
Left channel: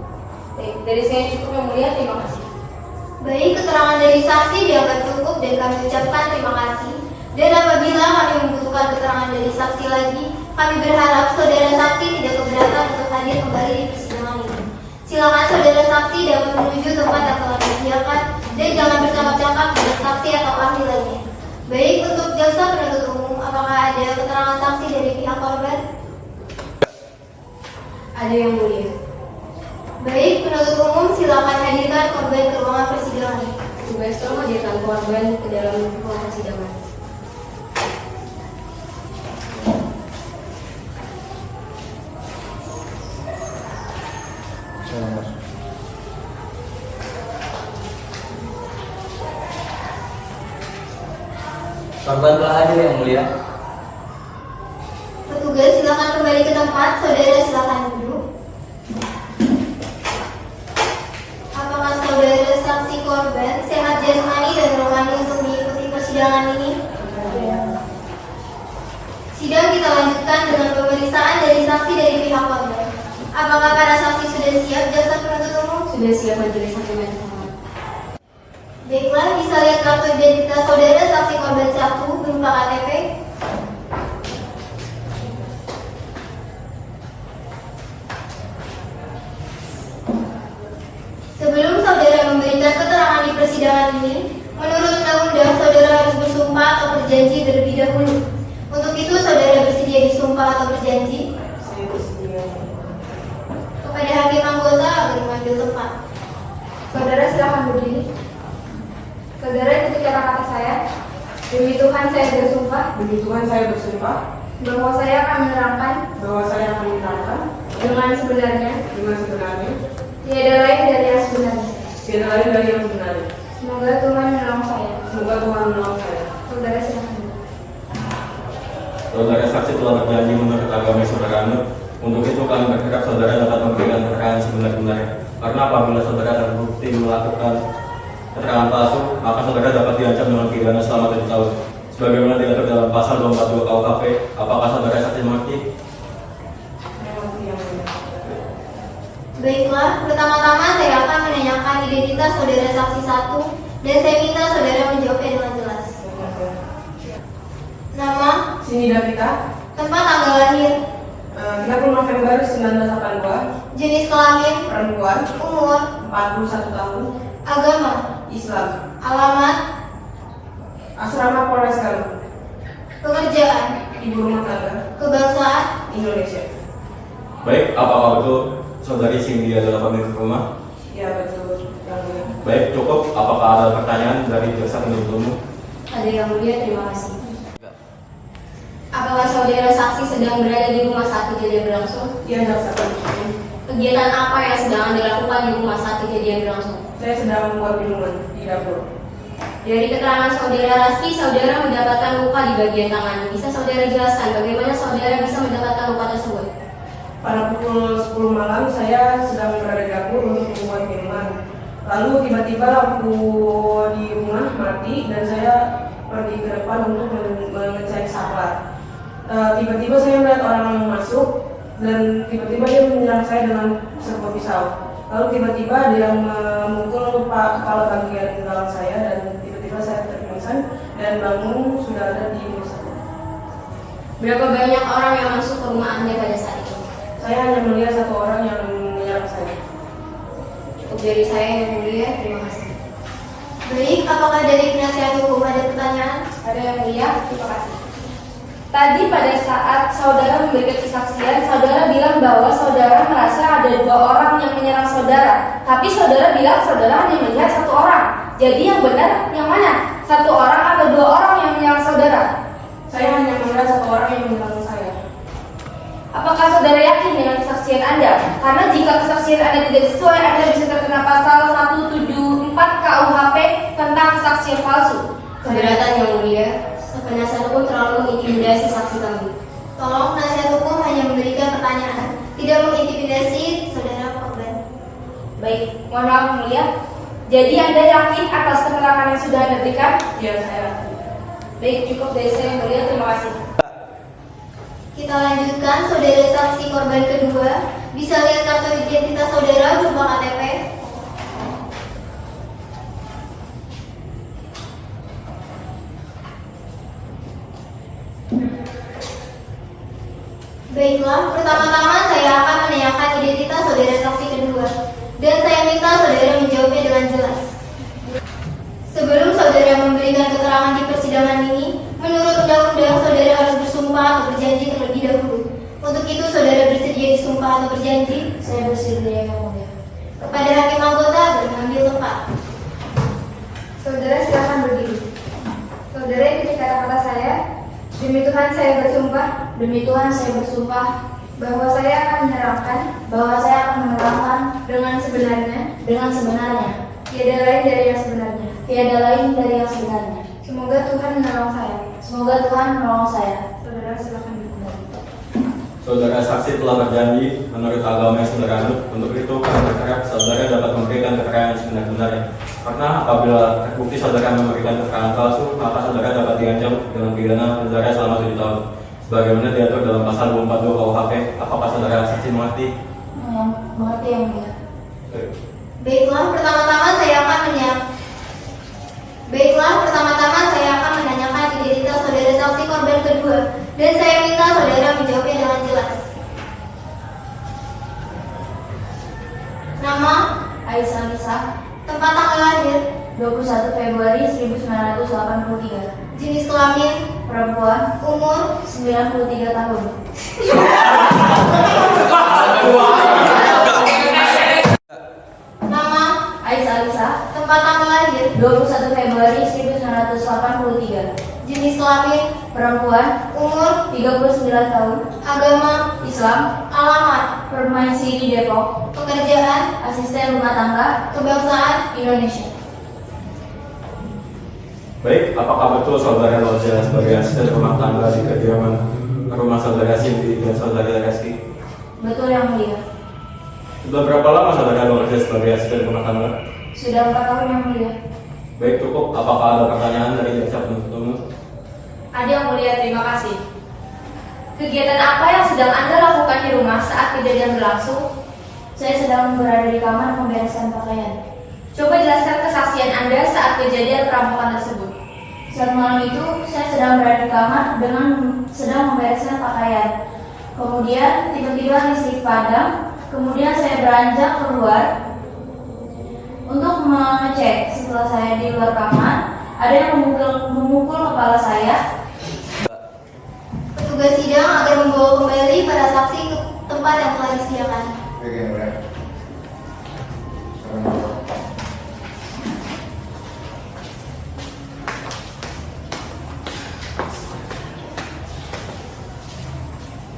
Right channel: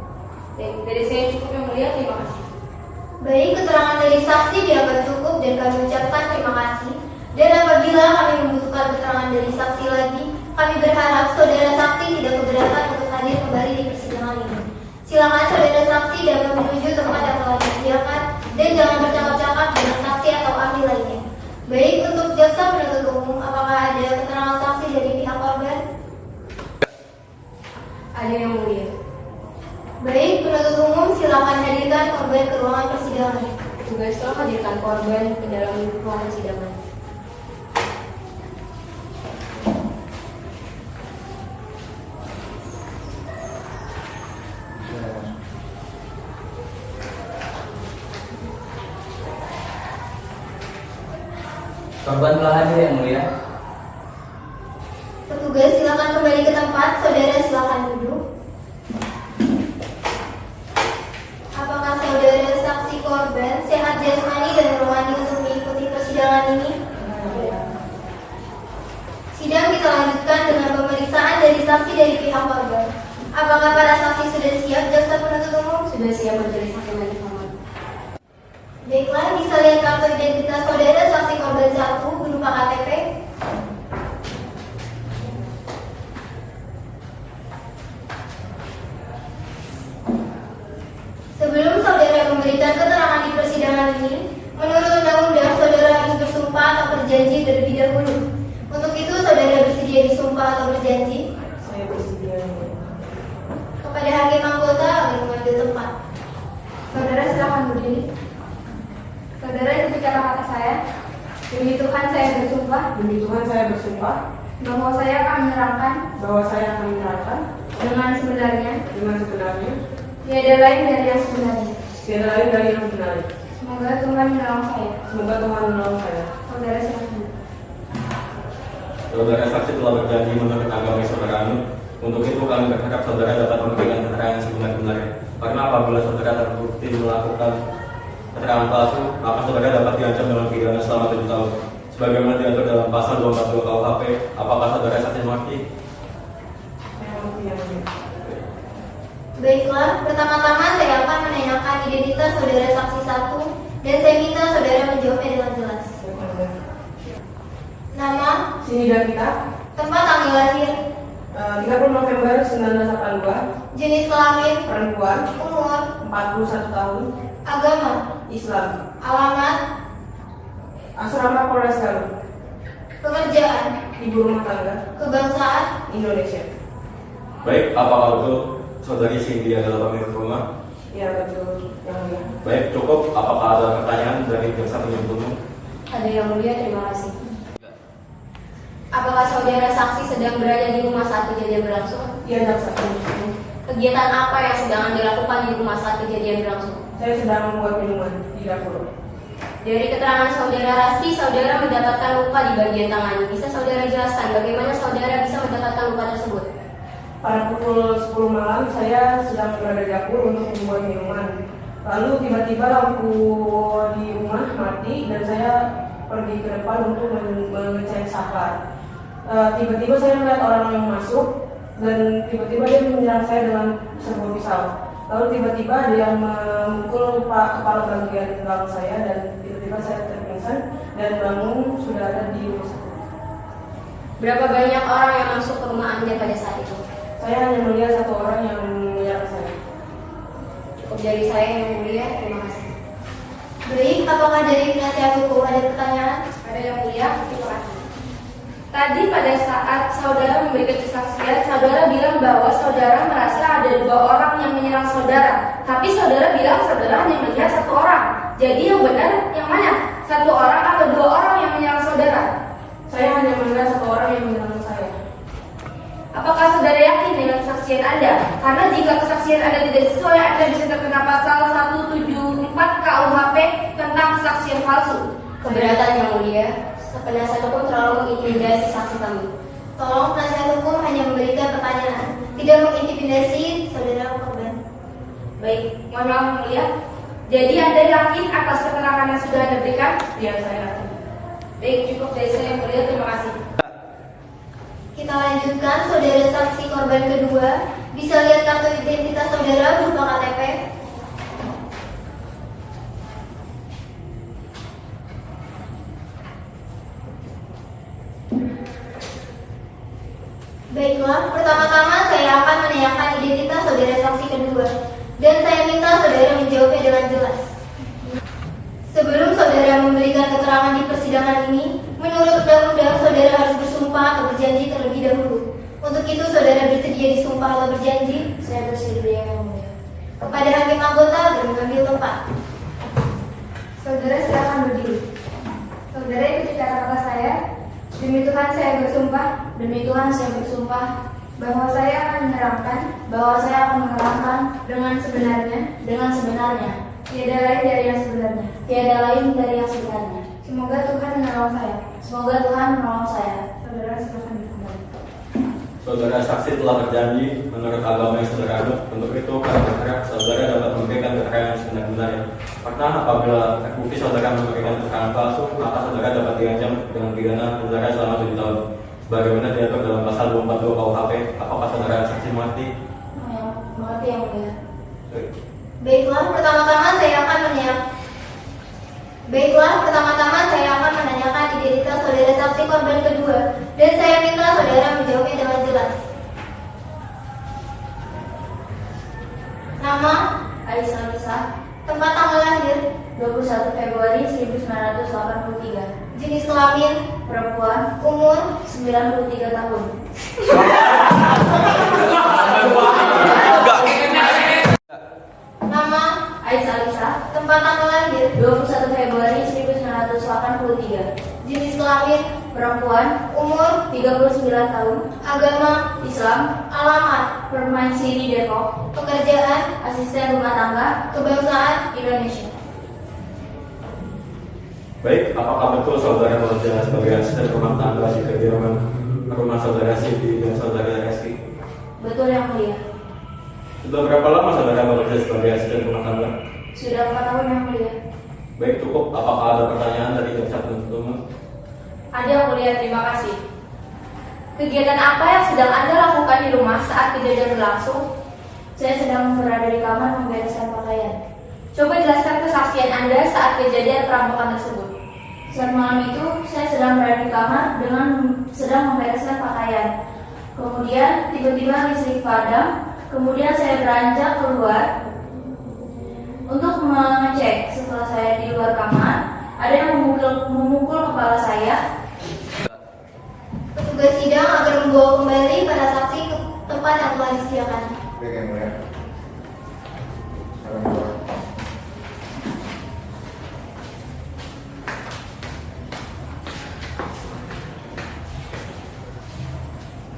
Baik, dari saya cukup yang mulia, terima kasih. Baik, keterangan dari saksi dianggap cukup dan kami ucapkan terima kasih. Dan apabila kami membutuhkan keterangan dari saksi lagi, kami berharap saudara saksi tidak keberatan saksi dapat menuju tempat yang telah disediakan dan jangan bercakap-cakap dengan saksi atau ahli lainnya. Baik, untuk jaksa penuntut umum, apakah ada keterangan saksi dari pihak korban? Ada yang mulia. Baik, penuntut umum silakan hadirkan korban ke ruangan persidangan. Tugas tolong hadirkan korban ke dalam ruang persidangan. Korban telah hadir yang mulia. Petugas silakan kembali ke tempat. Saudara silakan duduk. Apakah saudara saksi korban sehat jasmani dan rohani untuk mengikuti persidangan ini? Sidang kita lanjutkan dengan pemeriksaan dari saksi dari pihak korban. Apakah para saksi sudah siap, jaksa penuntut umum? Sudah siap majelis hakim majelis hakim. Baiklah, bisa lihat kartu identitas saudara saksi korban 1 berupa KTP. Sebelum saudara memberikan keterangan di persidangan ini, menurut undang-undang saudara harus bersumpah atau berjanji terlebih dahulu. Untuk itu saudara bersedia disumpah atau berjanji? Saya bersedia. Kepada hakim anggota agar mengambil tempat. Saudara silakan berdiri. Saudara ikuti kata-kata saya. Demi Tuhan saya bersumpah. Demi Tuhan saya bersumpah Bahwa saya akan menerangkan. bahwa saya akan menerangkan Dengan sebenarnya. dengan sebenarnya Tiada lain dari yang sebenarnya. tidak lain dari yang sebenarnya. Semoga Tuhan menolong saya. Semoga Tuhan menolong saya. Saudara silakan. Saudara saksi telah berjanji menurut agama yang saudara anut. Untuk itu kami berharap saudara dapat memberikan keterangan sebenar-benarnya. Karena apabila saudara terbukti melakukan keterangan palsu, maka saudara dapat diancam dengan pidana selama 7 tahun. Sebagaimana diatur dalam pasal 242 KUHP. Apakah saudara saksi mengerti? Baiklah, pertama-tama saya akan menanyakan identitas saudara saksi 1 dan saya minta saudara menjawabnya dengan jelas. Nama, Sini dan kita tempat tanggal lahir, 30 November 1982, jenis kelamin, perempuan, umur, 41 tahun, agama, Islam, alamat, asrama Polres Garut, pekerjaan, ibu rumah tangga, kebangsaan, Indonesia. Baik, apakah betul saudari Cindy adalah pemilik rumah? Ya betul yang mulia. Baik, cukup. Apakah ada pertanyaan dari jaksa penuntut umum? Ada yang mulia, terima kasih. Apakah saudara saksi sedang berada di rumah saat kejadian berlangsung? Iya jaksa penuntut umum. Kegiatan apa yang sedang dilakukan di rumah saat kejadian berlangsung? Saya sedang membuat minuman di dapur. Dari keterangan saudara Raski, saudara mendapatkan luka di bagian tangan. Bisa saudara jelaskan bagaimana saudara bisa mendapatkan luka tersebut? Pada pukul 10 malam saya sedang berada di dapur untuk membuat minuman. Lalu tiba-tiba lampu di rumah mati dan saya pergi ke depan untuk mengecek saklar. Tiba-tiba saya melihat orang yang masuk dan tiba-tiba dia menyerang saya dengan sebuah pisau. Lalu tiba-tiba dia memukul kepala bagian belakang saya dan tiba-tiba saya terpingsan dan bangun sudah ada di rumah sakit. Berapa banyak orang yang masuk ke rumah Anda pada saat itu? Saya hanya melihat satu orang yang menyerang saya. Cukup dari saya yang mulia, terima kasih. Baik, apakah dari penasihat hukum ada pertanyaan? Ada yang mulia, terima kasih. Tadi pada saat saudara memberikan kesaksian, saudara bilang bahwa saudara merasa ada 2 orang yang menyerang saudara. Tapi saudara bilang saudara hanya melihat 1 orang. Jadi yang benar yang mana? 1 orang atau 2 orang yang menyerang saudara? Saya hanya melihat 1 orang yang menyerang saya. Apakah saudara yakin dengan kesaksian Anda? Karena jika kesaksian Anda tidak sesuai, Anda bisa terkena pasal 174 KUHP tentang kesaksian palsu. Keberatan yang mulia, penasihat hukum terlalu mengintimidasi saksi kami. Tolong penasihat hukum hanya memberikan pertanyaan, tidak mengintimidasi saudara korban. Baik, mohon maaf yang mulia. Jadi Anda yakin atas keterangan yang sudah Anda berikan? Ya saya. Baik, cukup dari saya yang mulia, terima kasih. Kita lanjutkan, saudara saksi korban kedua. Bisa lihat kartu identitas saudara berupa KTP. Baiklah, pertama-tama saya akan menanyakan identitas saudara saksi kedua. Dan saya minta saudara menjawabnya dengan jelas. Sebelum saudara memberikan keterangan di persidangan ini, menurut undang-undang saudara harus bersumpah atau berjanji terlebih dahulu. Untuk itu saudara bersedia disumpah atau berjanji? Saya bersedia yang mulia. Kepada hakim anggota mengambil tempat. Saudara silakan berdiri. Saudara ikuti kata-kata saya. Demi Tuhan saya bersumpah. Demi Tuhan saya bersumpah bahwa saya akan menerangkan dengan sebenarnya. Tiada lain dari yang sebenarnya. Semoga Tuhan menolong saya. Saudara silakan dikembali. Saudara saksi telah berjanji menurut agama yang saudara anut. Untuk itu kami berharap saudara dapat memberikan keterangan yang sebenar-benarnya. Karena apabila terbukti saudara memberikan keterangan palsu, maka saudara dapat diancam dengan pidana penjara selama 7 tahun. Sebagaimana diatur dalam pasal 242 KUHP. Apakah saudara saksi mengerti? Mengerti yang mulia. Baiklah, pertama-tama saya akan menanyakan identitas saudara saksi korban kedua, dan saya minta saudara menjawabnya dengan jelas. Nama? Aisyah Nisa, Tempat tanggal lahir? 21 Februari 1983. Jenis kelamin? Perempuan, Umur? 93 tahun. Nama? Aisyah Nisa, Tempat tanggal lahir? 21 Februari 1983. Jenis kelamin? Perempuan, Umur? 39 tahun. Agama? Islam, Alamat? Permaisuri Depok. Pekerjaan? Asisten rumah tangga, Kebangsaan? Indonesia. Baik, apakah betul saudara bekerja sebagai asisten rumah tangga di kediaman rumah saudara Cindy dan saudara Reski? Betul yang mulia. Sudah berapa lama saudara bekerja sebagai asisten rumah tangga? Sudah 4 tahun yang mulia. Baik, cukup. Apakah ada pertanyaan dari jaksa penuntut umum? Ada yang mulia, terima kasih. Kegiatan apa yang sedang Anda lakukan di rumah saat kejadian berlangsung? Saya sedang berada di kamar membereskan pakaian. Coba jelaskan kesaksian Anda saat kejadian perampokan tersebut. Saat malam itu, saya sedang berada di kamar sedang membereskan pakaian. Kemudian tiba-tiba listrik padam. Kemudian saya beranjak keluar untuk mengecek. Setelah saya di luar kamar, ada yang memukul kepala saya. Petugas sidang akan membawa kembali para saksi ke tempat yang telah disediakan. Oke, mulai.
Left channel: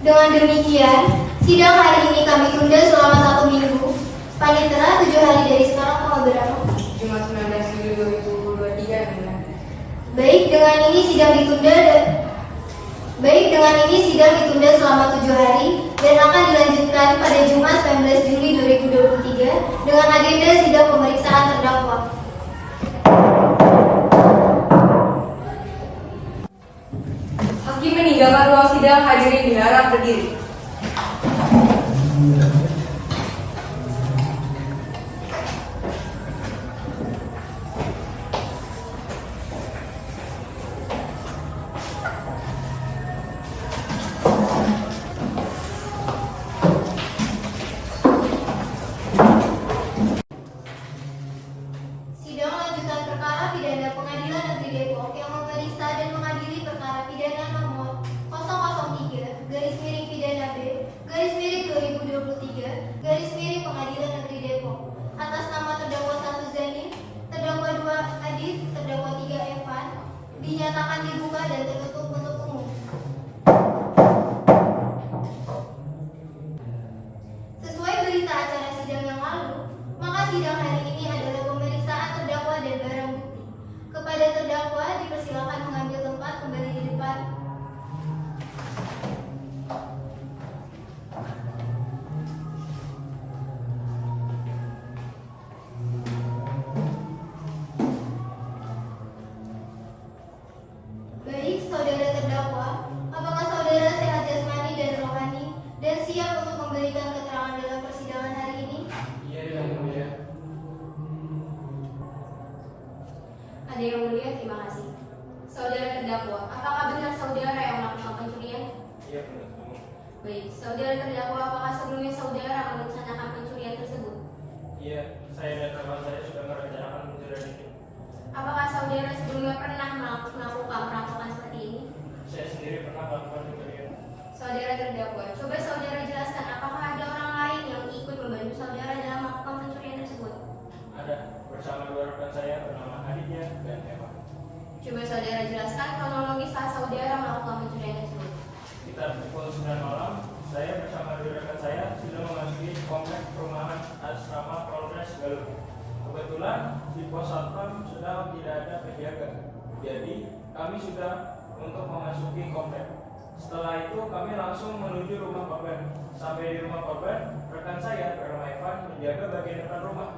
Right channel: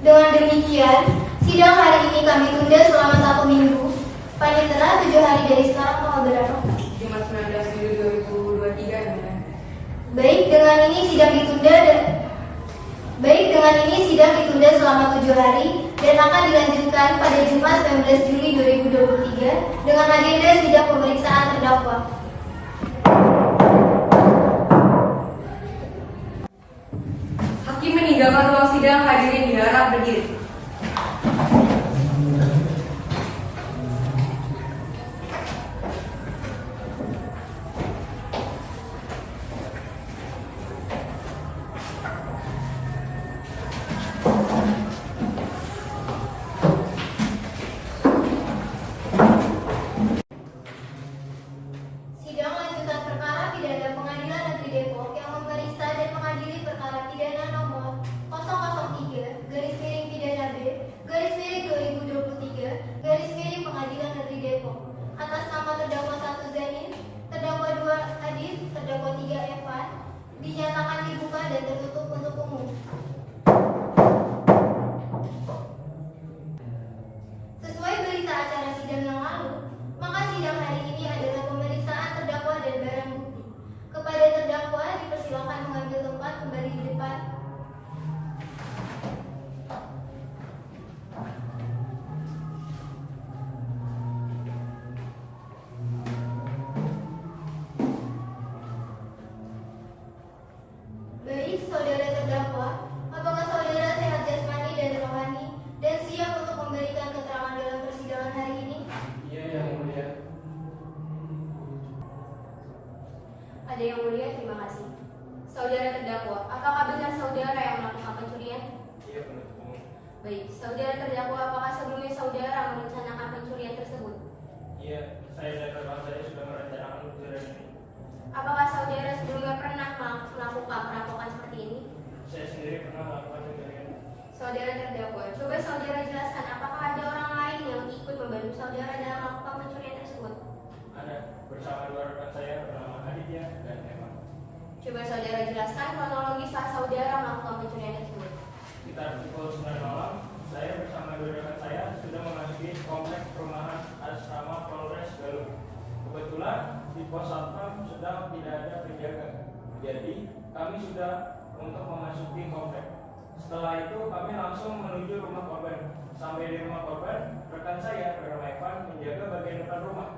Dengan demikian, sidang hari ini kami tunda selama 1 minggu. Panitera 7 hari dari sekarang tanggal berapa? Jumat 19 Juli 2023 yang mulia. Baik, dengan ini sidang ditunda selama 7 hari dan akan dilanjutkan pada Jumat 19 Juli 2023 dengan agenda sidang pemeriksaan terdakwa. Hakim meninggalkan ruang sidang, hadirin diharap berdiri. Sidang lanjutan perkara pidana Pengadilan Negeri Depok yang memeriksa dan mengadili perkara pidana nomor 003-B/2023 Pengadilan Negeri Depok atas nama terdakwa 1 Zanin, terdakwa 2 Adit, terdakwa 3 Evan dinyatakan dibuka dan tertutup untuk umum. Sesuai berita acara sidang yang lalu, maka sidang hari ini adalah pemeriksaan terdakwa dan barang bukti. Kepada terdakwa dipersilakan mengambil tempat kembali di depan. Baik, saudara terdakwa, apakah saudara sehat jasmani dan rohani dan siap untuk memberikan keterangan dalam persidangan hari ini? Iya, yang mulia. Ada yang mulia, terima kasih. Saudara terdakwa, apakah benar saudara yang melakukan pencurian? Iya, penuntut umum. Baik, saudara terdakwa, apakah sebelumnya saudara merencanakan pencurian tersebut? Iya, bersama Polres Galuh. Kebetulan di pos satpam sedang tidak ada penjaga, jadi kami sudah untuk memasuki komplek. Setelah itu kami langsung menuju rumah korban. Sampai di rumah korban, rekan saya bernama Evan menjaga bagian depan rumah.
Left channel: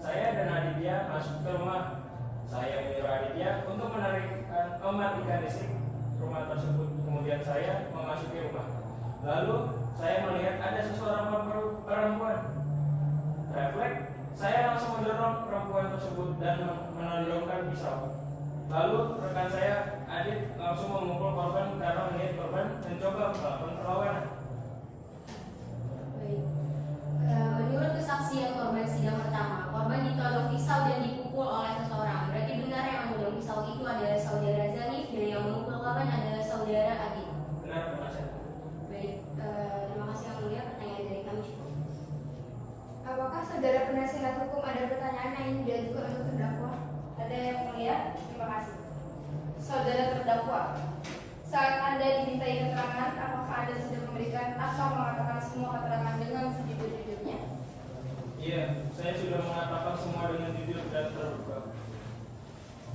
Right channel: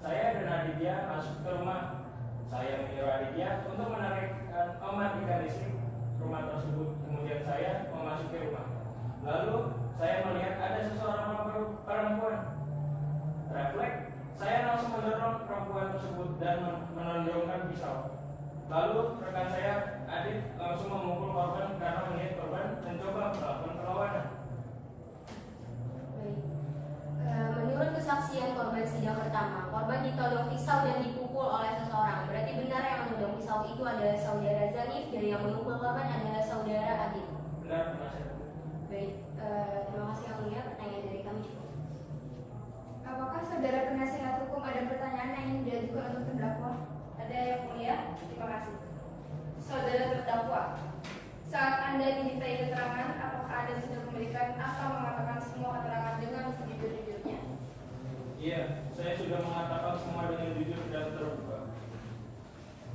Saya dan Aditya masuk ke rumah. Saya menyuruh Aditya untuk mematikan listrik rumah tersebut. Kemudian saya memasuki rumah. Lalu saya melihat ada seseorang perempuan. Refleks, saya langsung mendorong perempuan tersebut dan menodongkan pisau. Lalu rekan saya Adit langsung memukul korban karena melihat korban mencoba melakukan perlawanan. Baik. Menurut kesaksian korban sidang pertama, korban ditodong pisau dan dipukul oleh seseorang. Berarti benar yang menodong pisau itu adalah saudara Zanif dan yang memukul korban adalah saudara Adit. Benar, Mas. Baik, terima kasih yang mulia. Pertanyaan dari kami cukup. Apakah saudara penasihat hukum ada pertanyaan yang ingin diajukan untuk terdakwa? Ada yang mulia? Terima kasih. Saudara terdakwa, saat Anda dimintai keterangan, apakah Anda sudah memberikan atau mengatakan semua keterangan dengan sejujur-jujurnya? Iya, saya sudah mengatakan semua dengan jujur dan terbuka.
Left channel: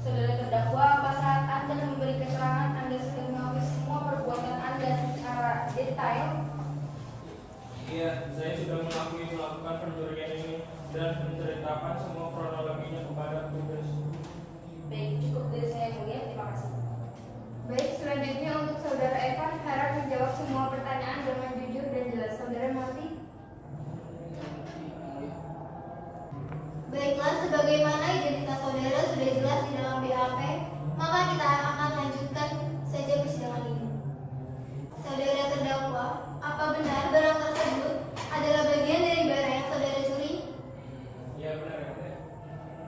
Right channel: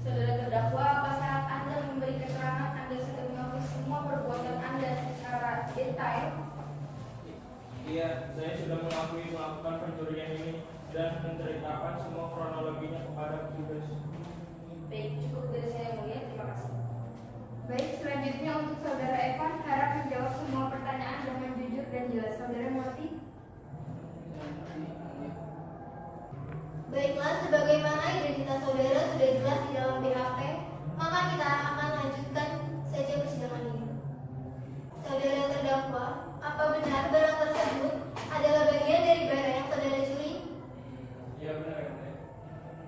Saudara terdakwa, apa saat Anda memberi keterangan Anda sudah mengakui semua perbuatan Anda secara detail? Iya, saya sudah mengakui melakukan pencurian ini dan menceritakan semua kronologinya kepada petugas. Baik, cukup dari saya yang mulia. Terima kasih. Baik, selanjutnya untuk saudara Evan harap menjawab semua pertanyaan dengan jujur dan jelas. Saudara mengerti? Baiklah, sebagaimana identitas saudara sudah jelas di dalam BAP, maka kita akan lanjutkan saja persidangan ini. Saudara terdakwa, apa benar barang tersebut adalah bagian dari barang yang saudara curi? Iya, benar.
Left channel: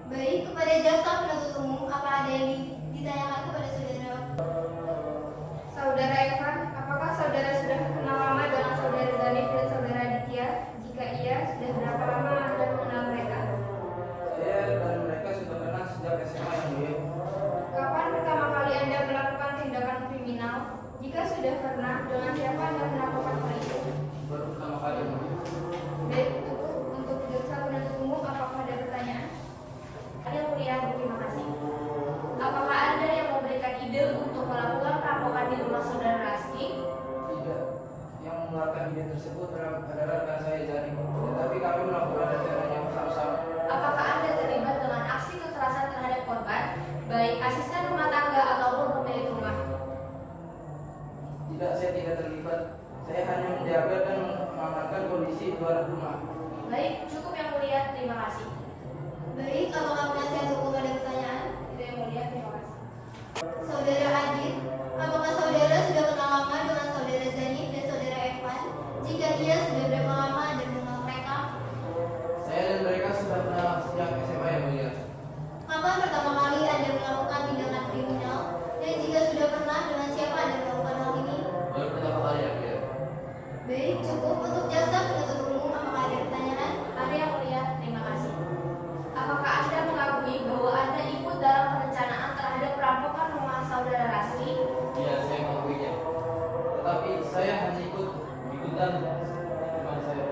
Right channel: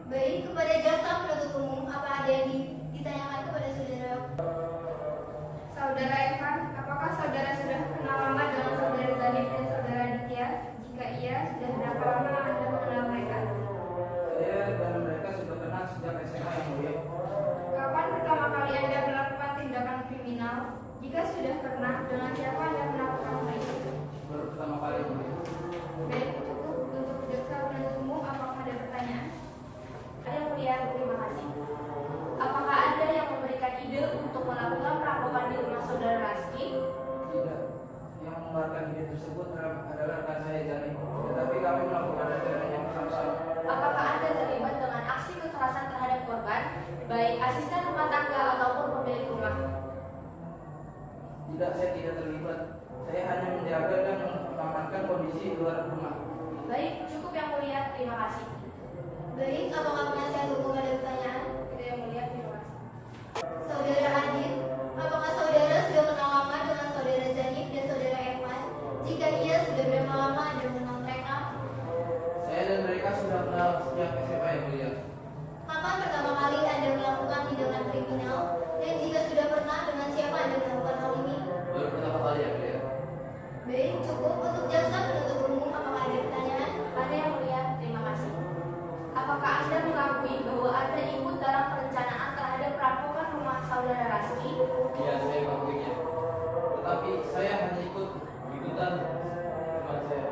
Baik, kepada jaksa penuntut umum, apa ada yang ditanyakan kepada saudara? Saudara Evan, apakah saudara sudah kenal lama dengan saudara Zanif dan saudara Aditya? Jika iya, sudah berapa lama Anda mengenal mereka? Saya dan mereka sudah kenal sejak SMA yang mulia. Kapan pertama kali Anda melakukan tindakan kriminal? Jika sudah pernah, dengan siapa Anda melakukan hal itu? Baru pertama kali yang mulia. Baik, cukup untuk jaksa penuntut umum. Apakah ada pertanyaan? Ada yang mulia, terima kasih. Apakah Anda yang memberikan ide untuk melakukan perampokan di rumah saudara Raski? Tidak. Yang mengeluarkan ide tersebut adalah rekan saya Jani. Tetapi kami melakukan rencananya bersama-sama. Apakah Anda terlibat dengan aksi kekerasan terhadap korban, baik asisten rumah tangga ataupun pemilik rumah? Tidak, saya tidak terlibat. Saya hanya menjaga dan mengamankan kondisi luar rumah. Baik, cukup yang mulia, terima kasih. Baik, apakah penasihat hukum ada pertanyaan? Tidak yang mulia, terima kasih. Saudara Adit, apakah saudara sudah kenal lama dengan saudara Zanif dan saudara Evan? Jika iya, sudah berapa lama Anda mengenal mereka? Saya dan mereka sudah kenal sejak SMA yang mulia. Kapan pertama kali Anda melakukan tindakan kriminal? Dan jika sudah pernah, dengan siapa Anda melakukan hal ini? Baru pertama kali yang mulia. Baik, cukup untuk jaksa penuntut umum. Apakah ada pertanyaan? Ada yang mulia, terima kasih. Apakah Anda mengakui bahwa Anda ikut dalam perencanaan terhadap perampokan rumah saudara Raski? Iya, saya mengakuinya. Tetapi saya hanya ikutan teman saya.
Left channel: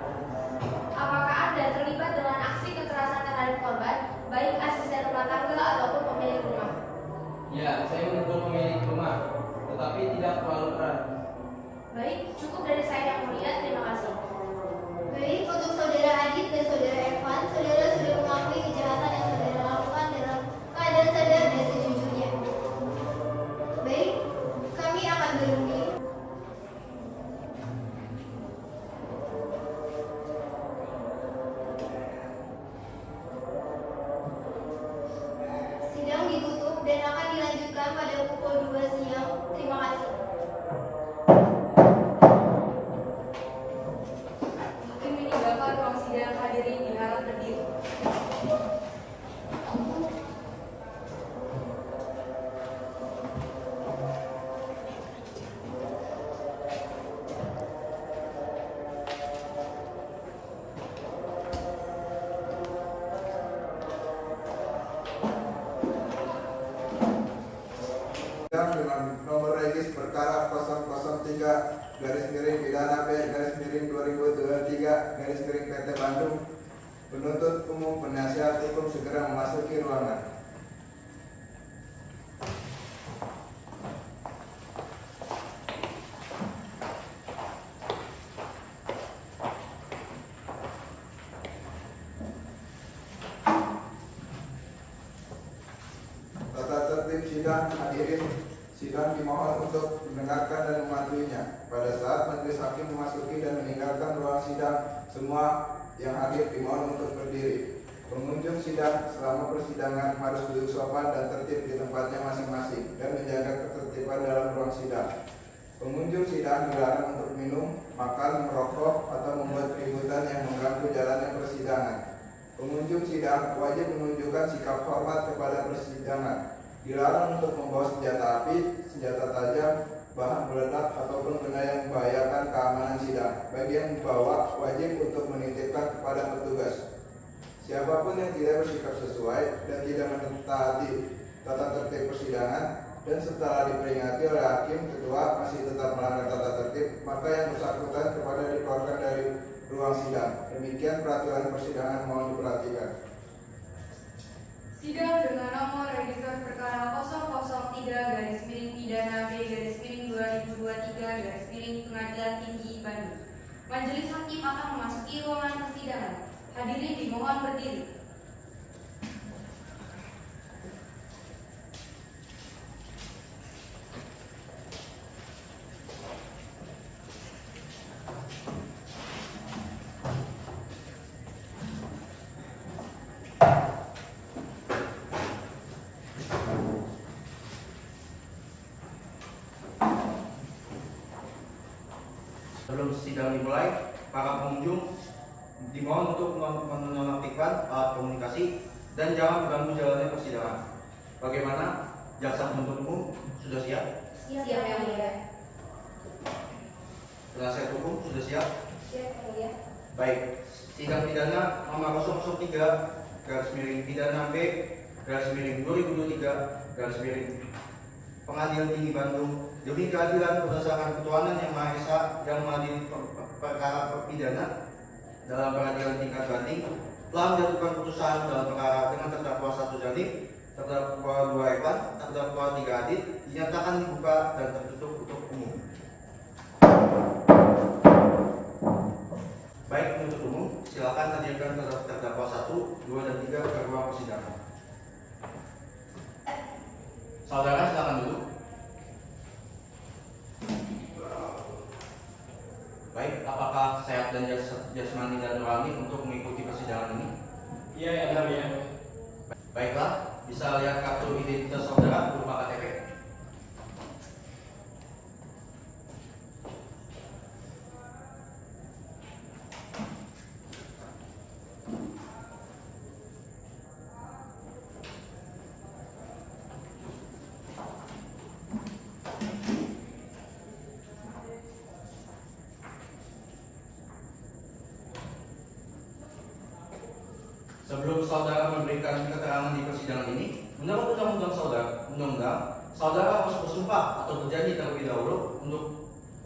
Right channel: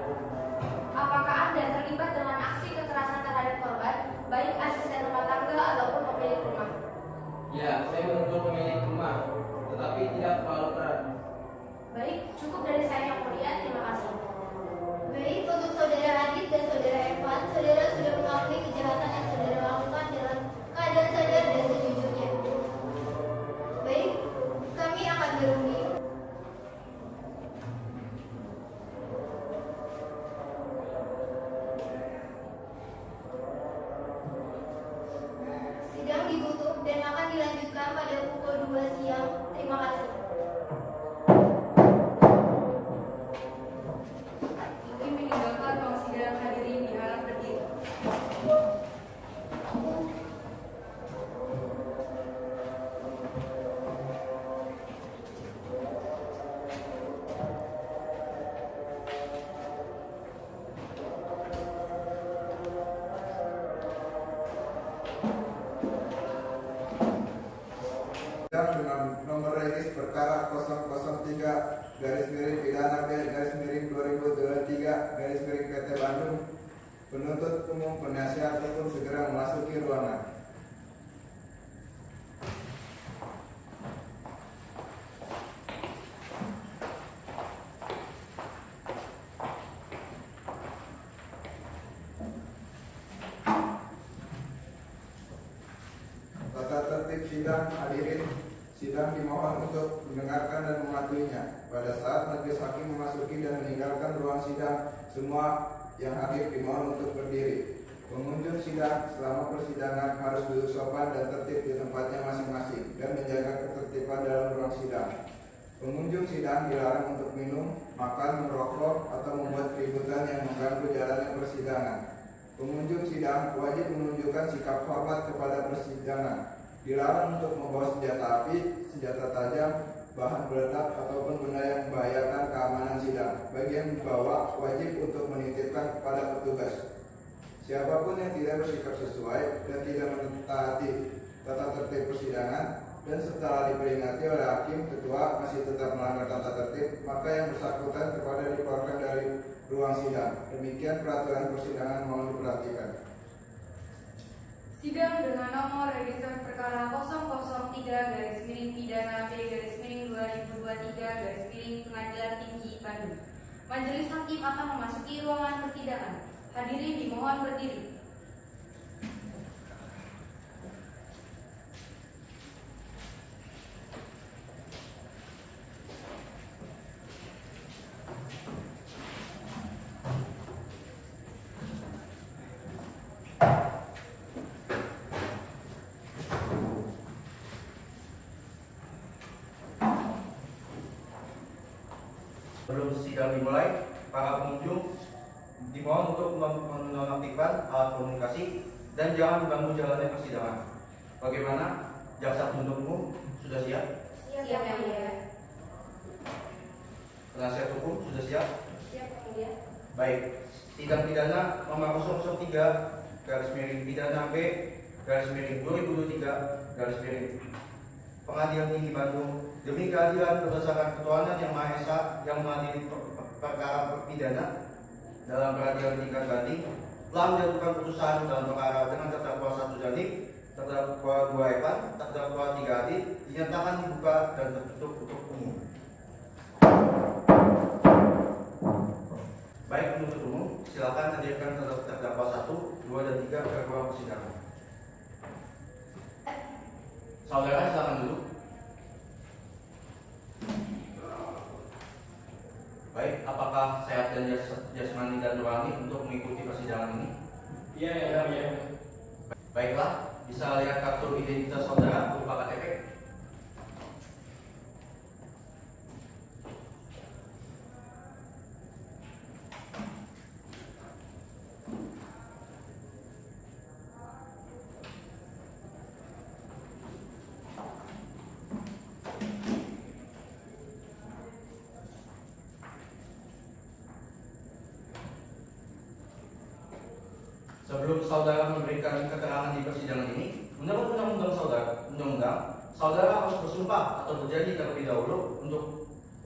Apakah Anda terlibat dengan aksi kekerasan terhadap korban, baik asisten rumah tangga ataupun pemilik rumah? Ya, saya memukul pemilik rumah, tetapi tidak terlalu keras. Baik, cukup dari saya yang mulia, terima kasih. Baik, untuk saudara Adit dan saudara Evan, saudara sudah mengakui kejahatan yang saudara lakukan dalam keadaan sadar dan sejujurnya. Baik, kami akan berunding. Sidang ditutup dan akan dilanjutkan pada pukul 2 siang. Terima kasih. Mungkin meninggalkan ruang sidang hadirin diharap berdiri. Dengan nomor regis perkara 003 garis miring pidana B garis miring 2023 garis miring PT Bandung Penuntut umum penasihat hukum segera memasuki ruangan. Tata tertib sidang. Hadirin, sidang dimohon untuk mendengarkan dan mematuhinya. Pada saat majelis hakim memasuki dan meninggalkan ruang sidang, semua yang hadir dimohon untuk berdiri. Pengunjung sidang selama persidangan harus duduk sopan dan tertib di tempatnya masing-masing dan menjaga ketertiban dalam ruang sidang. Pengunjung sidang dilarang untuk minum, makan, merokok, atau membuat keributan yang mengganggu jalannya persidangan. Pengunjung sidang wajib menunjukkan sikap hormat kepada persidangan. Dilarang untuk membawa senjata api, senjata tajam, bahan peledak, ataupun benda yang membahayakan keamanan sidang. Bagi yang membawa, wajib untuk menitipkan kepada petugas. Siapapun yang tidak bersikap sesuai dan tidak mentaati tata tertib persidangan dan setelah diperingati oleh hakim ketua masih tetap melanggar tata tertib, maka yang bersangkutan kepada dikeluarkan dari ruang sidang. Demikian peraturan persidangan, mohon diperhatikan. Sidang dengan nomor register perkara 003-Pidana B-2023-Pengadilan Tinggi Bandung. Majelis hakim akan memasuki ruangan persidangan. Hadirin dimohon berdiri. Sebelum sidang dimulai, para pengunjung dimohon untuk menonaktifkan alat komunikasi dan jangan mengganggu jalannya persidangan. Bagaimana? Jaksa penuntut umum sudah siap? Siap, Yang Mulia. Penasihat hukum sudah siap? Siap, Yang Mulia. Baik, sidang pidana nomor 003 garis miring pidana B garis miring 2023 Pengadilan Tinggi Bandung demi keadilan berdasarkan ketuhanan yang Maha Esa yang mengadili perkara pidana dalam peradilan tingkat banding telah menjatuhkan putusan dalam perkara dengan terdakwa 1 Janif, terdakwa 2 Evan, terdakwa 3 Adit dinyatakan dibuka dan tertutup untuk umum. Baik, penuntut umum, silakan hadirkan terdakwa 1, 2, dan 3 ke ruang persidangan. Saudara silakan duduk. Baik, apakah sehat dan jasmani dan rohani untuk mengikuti persidangan ini? Iya, ya, ya. Baiklah, bisa lihat kartu identitas saudara berupa KTP. Sebelum saudara memberikan keterangan di persidangan ini, menurut undang-undang saudara harus bersumpah atau berjanji terlebih dahulu.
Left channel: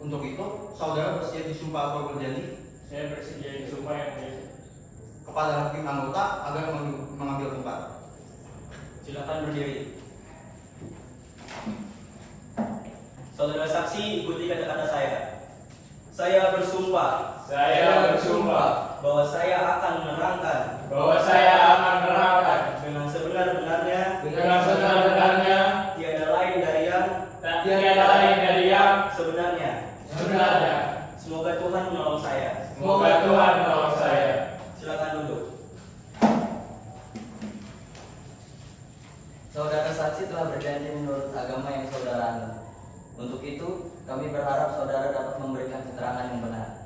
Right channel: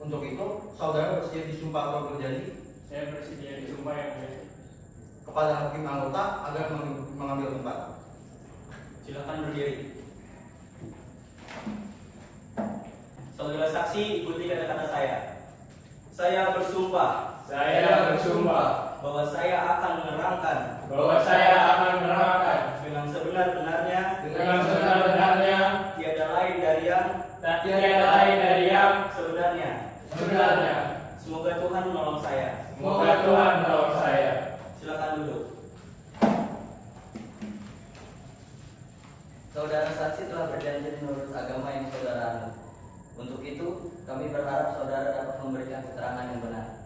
Untuk itu, saudara bersedia disumpah atau berjanji? Saya bersedia disumpah, Yang Mulia. Kepada hakim anggota agar mengambil tempat. Silakan berdiri. Saudara saksi, ikuti kata-kata saya. Saya bersumpah. Saya bersumpah bahwa saya akan menerangkan dengan sebenar-benarnya tiada lain dari yang sebenarnya. Semoga Tuhan menolong saya. Silakan duduk. Saudara saksi telah berjanji menurut agama yang saudara anut. Untuk itu, kami berharap saudara dapat memberikan keterangan yang benar.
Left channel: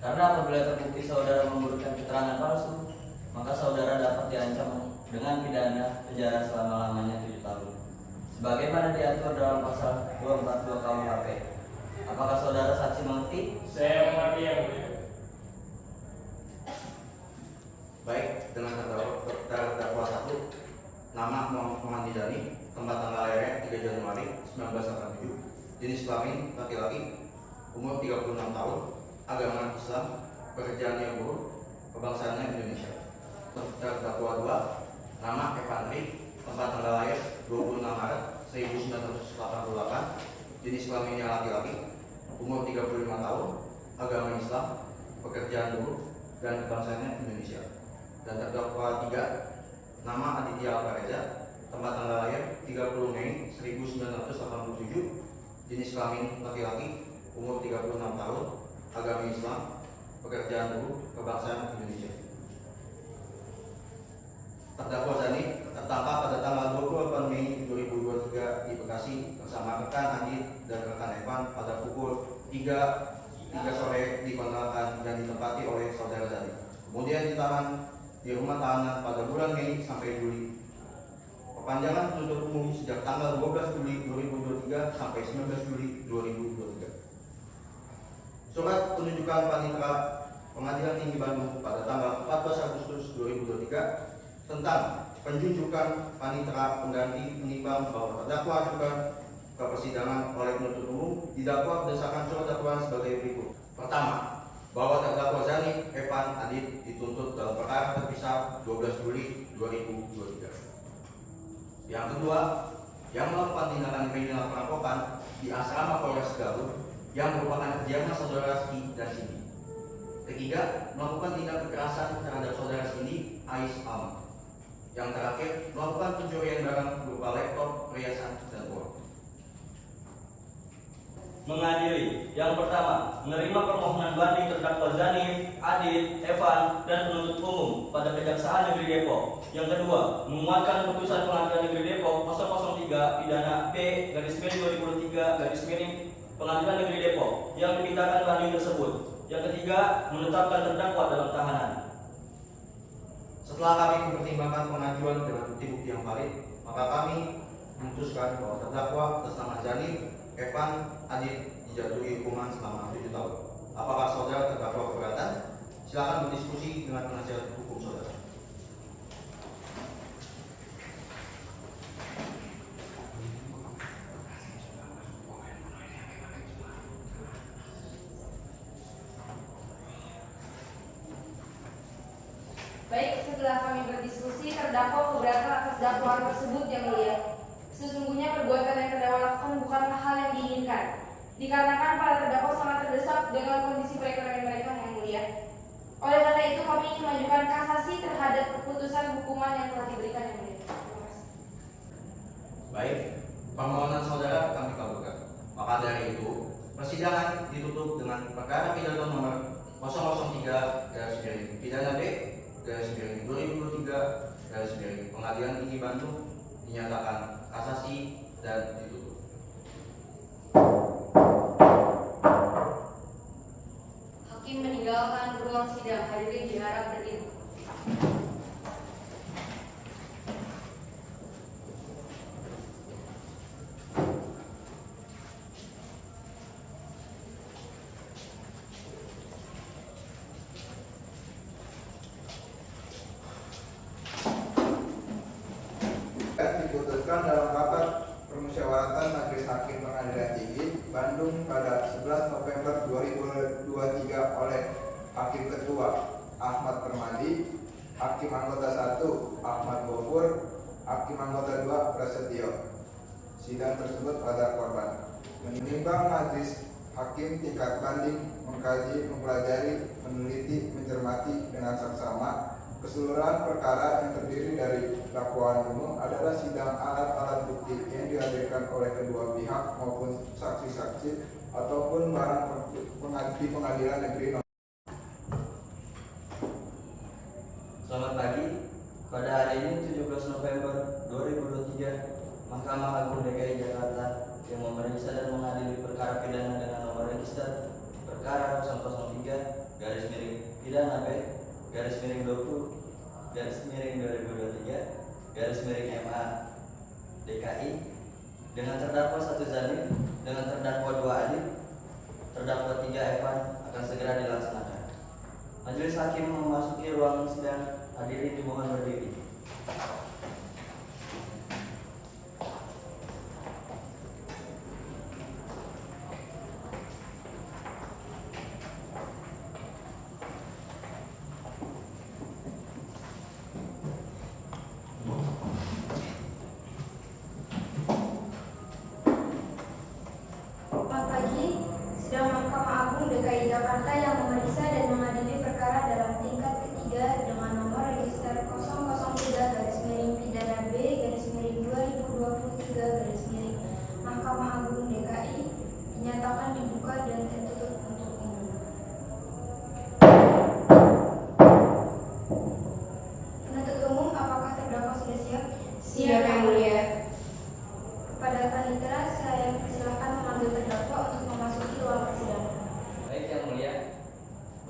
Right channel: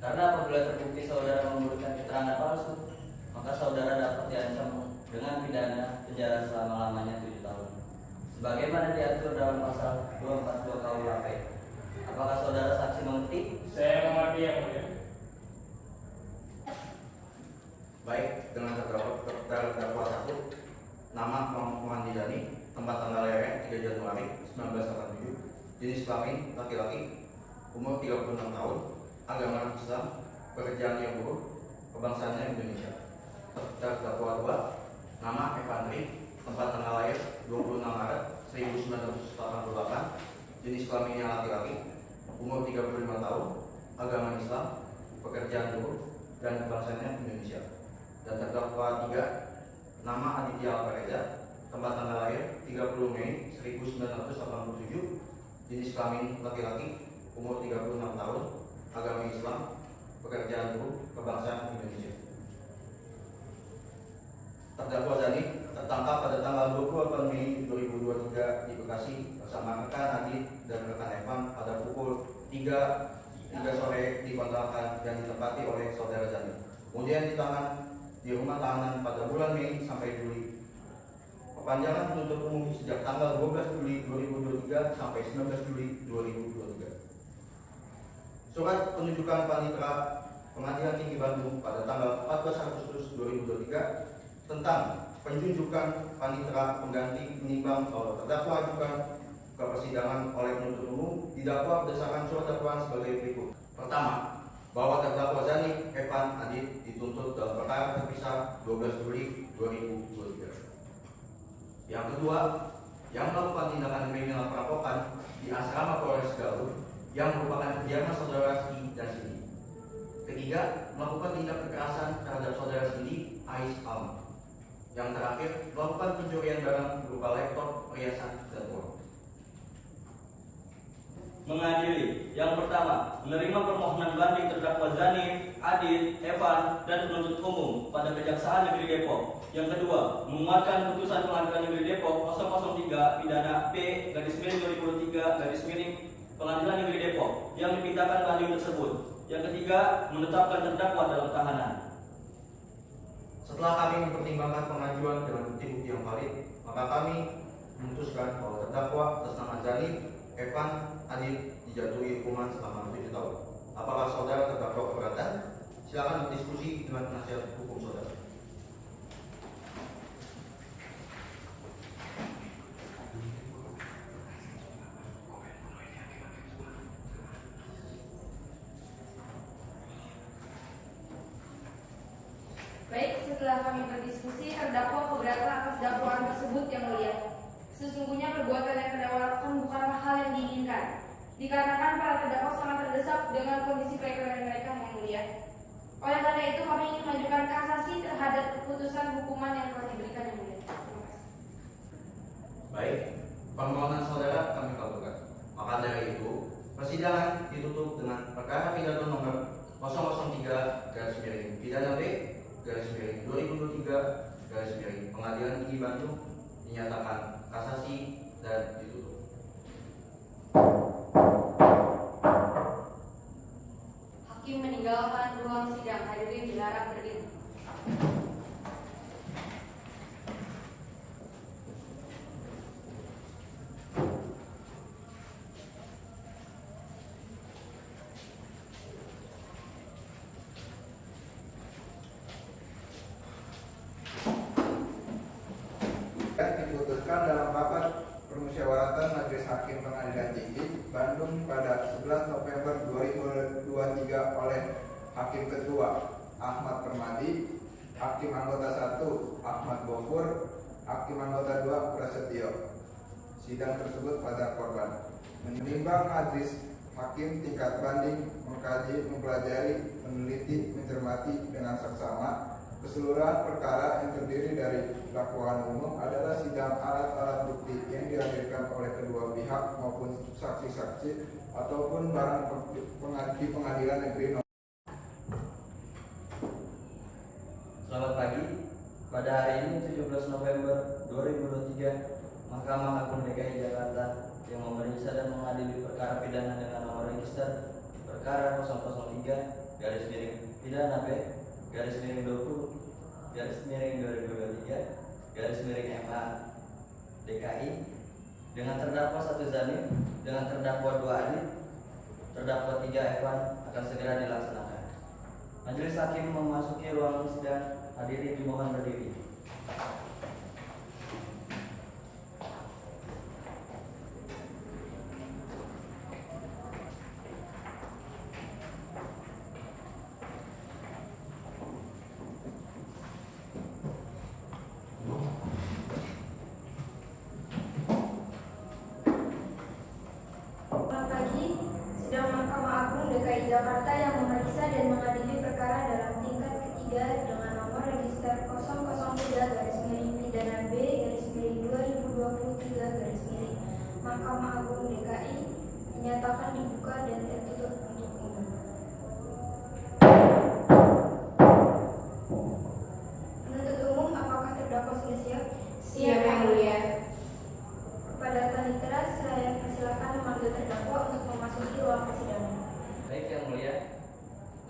Karena apabila terbukti saudara memberikan keterangan palsu, maka saudara dapat diancam dengan pidana penjara selama-lamanya 7 tahun. Sebagaimana diatur dalam pasal 242 KUHP. Apakah saudara saksi mengerti? Saya mengerti, Yang Mulia. Baik, dengan terdakwa 1, nama Muhammad Nizani, tempat tanggal lahirnya 3 Januari 1987, jenis kelamin laki-laki, umur 36 tahun, agama Islam, pekerjaannya buruh, kebangsaannya Indonesia. Terdakwa 2, nama Evandri, tempat tanggal lahir 26 Maret 1988, jenis kelaminnya laki-laki, umur 35 tahun, agama Islam, pekerjaan buruh, dan kebangsaannya Indonesia. Dan terdakwa 3, nama Aditya Alvareza, tempat tanggal lahir 30 Mei 1987, jenis kelamin laki-laki, umur 36 tahun, agama Islam, pekerjaan buruh, kebangsaan Indonesia. Terdakwa Zani tertangkap pada tanggal 28 Mei 2023 di Bekasi bersama rekan Adit dan rekan Evan pada pukul 3 sore di kontrakan yang ditempati oleh saudara Zani. Kemudian ditahan di rumah tahanan pada bulan Mei sampai Juli. Perpanjangan penuntut umum sejak tanggal 12 Juli 2023 sampai 19 Juli 2023. Surat penunjukan panitera Pengadilan Tinggi Bandung pada tanggal 14 Agustus 2023 tentang penunjukan panitera pengganti menimbang bahwa terdakwa ajukan ke persidangan oleh penuntut umum didakwa berdasarkan surat dakwaan sebagai berikut. Pertama, bahwa terdakwa Zani Evan Adit dituntut dalam perkara terpisah 12 Juli 2023. Yang kedua, yang melakukan tindakan kriminal perampokan di asrama Polres Garut yang merupakan kediaman saudara Rizky dan Cindy. Ketiga, melakukan tindak kekerasan terhadap saudara Cindy, Ais Alma. Yang terakhir, melakukan pencurian barang berupa laptop, perhiasan, dan uang. Mengadili. Yang pertama, menerima permohonan banding terdakwa Zani, Adit, Evan, dan penuntut umum pada Kejaksaan Negeri Depok. Yang kedua, menguatkan putusan Pengadilan Negeri Depok 003 pidana P/2023 Pengadilan Negeri Depok yang dipintakan banding tersebut. Yang ketiga, menetapkan terdakwa dalam tahanan. Setelah kami mempertimbangkan pengajuan dengan bukti-bukti yang valid, maka kami memutuskan bahwa terdakwa atas nama Zani Evan Adit dijatuhi hukuman selama 7 tahun. Apakah saudara terdakwa keberatan? Silakan berdiskusi dengan penasihat hukum saudara. Baik, setelah kami berdiskusi, terdakwa keberatan atas dakwaan tersebut yang mulia. Sesungguhnya perbuatan yang terdakwa lakukan bukanlah hal yang diinginkan, dikarenakan para terdakwa sangat terdesak dengan kondisi perekonomian mereka yang mulia. Oleh karena itu, kami ingin mengajukan kasasi terhadap keputusan hukuman yang telah diberikan yang mulia. Terima kasih. Baik, permohonan saudara kami kabulkan. Maka dari itu, persidangan ditutup dengan perkara pidana nomor 003 pidana B/2023 Pengadilan Tinggi Bandung dinyatakan kasasi dan ditutup. Hakim meninggalkan ruang sidang. Hadirin diharap berdiri. Diputuskan dalam rapat permusyawaratan Majelis Hakim Pengadilan Tinggi Bandung pada 11 November 2023 oleh Hakim Ketua Ahmad Permadi, Hakim Anggota 1 Ahmad Gofur, Hakim Anggota 2 Prasetyo. Sidang tersebut pada korban. Menimbang Majelis Hakim tingkat banding mengkaji, mempelajari, meneliti, mencermati dengan saksama keseluruhan perkara yang terdiri dari dakwaan umum adalah sidang alat-alat bukti yang dihadirkan oleh kedua pihak maupun saksi-saksi ataupun barang di Pengadilan Negeri Nomor. Selamat pagi. Pada hari ini 17 November 2023, Mahkamah Agung DKI Jakarta yang memeriksa dan mengadili perkara pidana dengan nomor register perkara 003 pidana B/2023 MA DKI dengan terdakwa 1 Zani, dengan terdakwa 2 Adit, terdakwa 3 Evan akan segera dilaksanakan. Majelis Hakim memasuki ruang sidang. Hadirin dimohon berdiri. Jakarta yang memeriksa dan mengadili perkara dalam tingkat ketiga dengan nomor register 003-B-2023 Mahkamah Agung DKI dinyatakan dibuka dan tertutup untuk umum. Penuntut umum, apakah terdakwa sudah siap? Siap, Yang Mulia. Kepada panitera, saya persilahkan memanggil terdakwa untuk memasuki ruang persidangan. Baik Yang Mulia,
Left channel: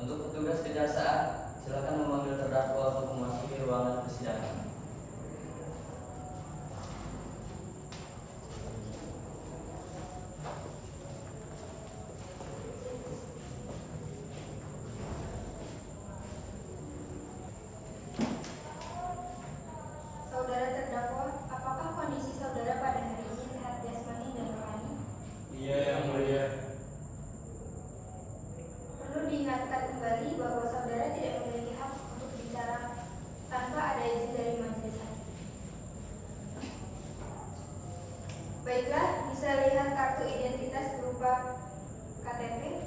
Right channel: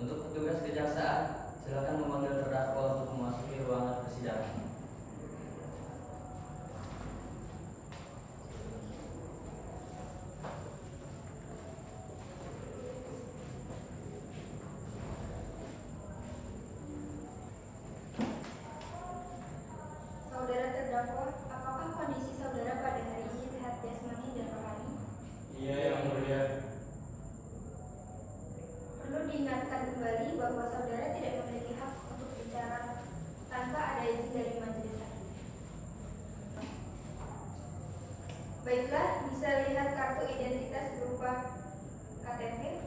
untuk petugas kejaksaan silakan memanggil terdakwa untuk memasuki ruangan persidangan. Saudara terdakwa, apakah kondisi saudara pada hari ini sehat jasmani dan rohani? Iya, Yang Mulia. Perlu diingatkan kembali bahwa saudara tidak memiliki hak untuk bicara tanpa ada izin dari majelis hakim. Baiklah, bisa lihat kartu identitas berupa KTP.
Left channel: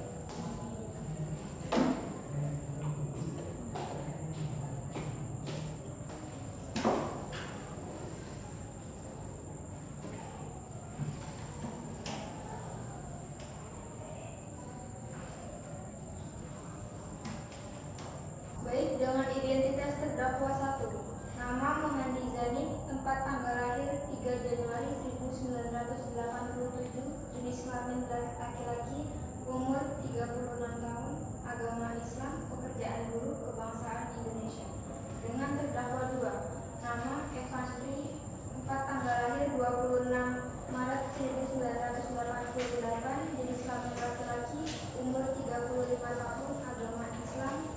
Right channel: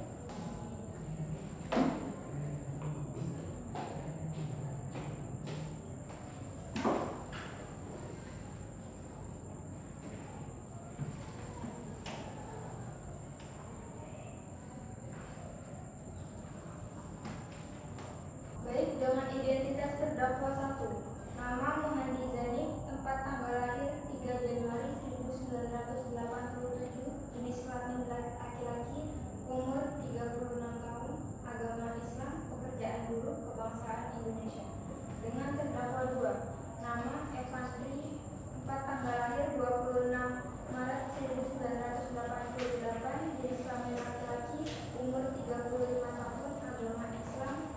Baik, dengan identitas terdakwa 1, nama Muhandi Zanif, tempat tanggal lahir 3 Januari 1987, jenis kelamin laki-laki, umur 36 tahun, agama Islam, pekerjaan buruh, kebangsaan Indonesia. Dengan terdakwa 2, nama Evan Sri, tempat tanggal lahir 26 Maret 1988, jenis kelamin laki-laki, umur 35 tahun, agama Islam,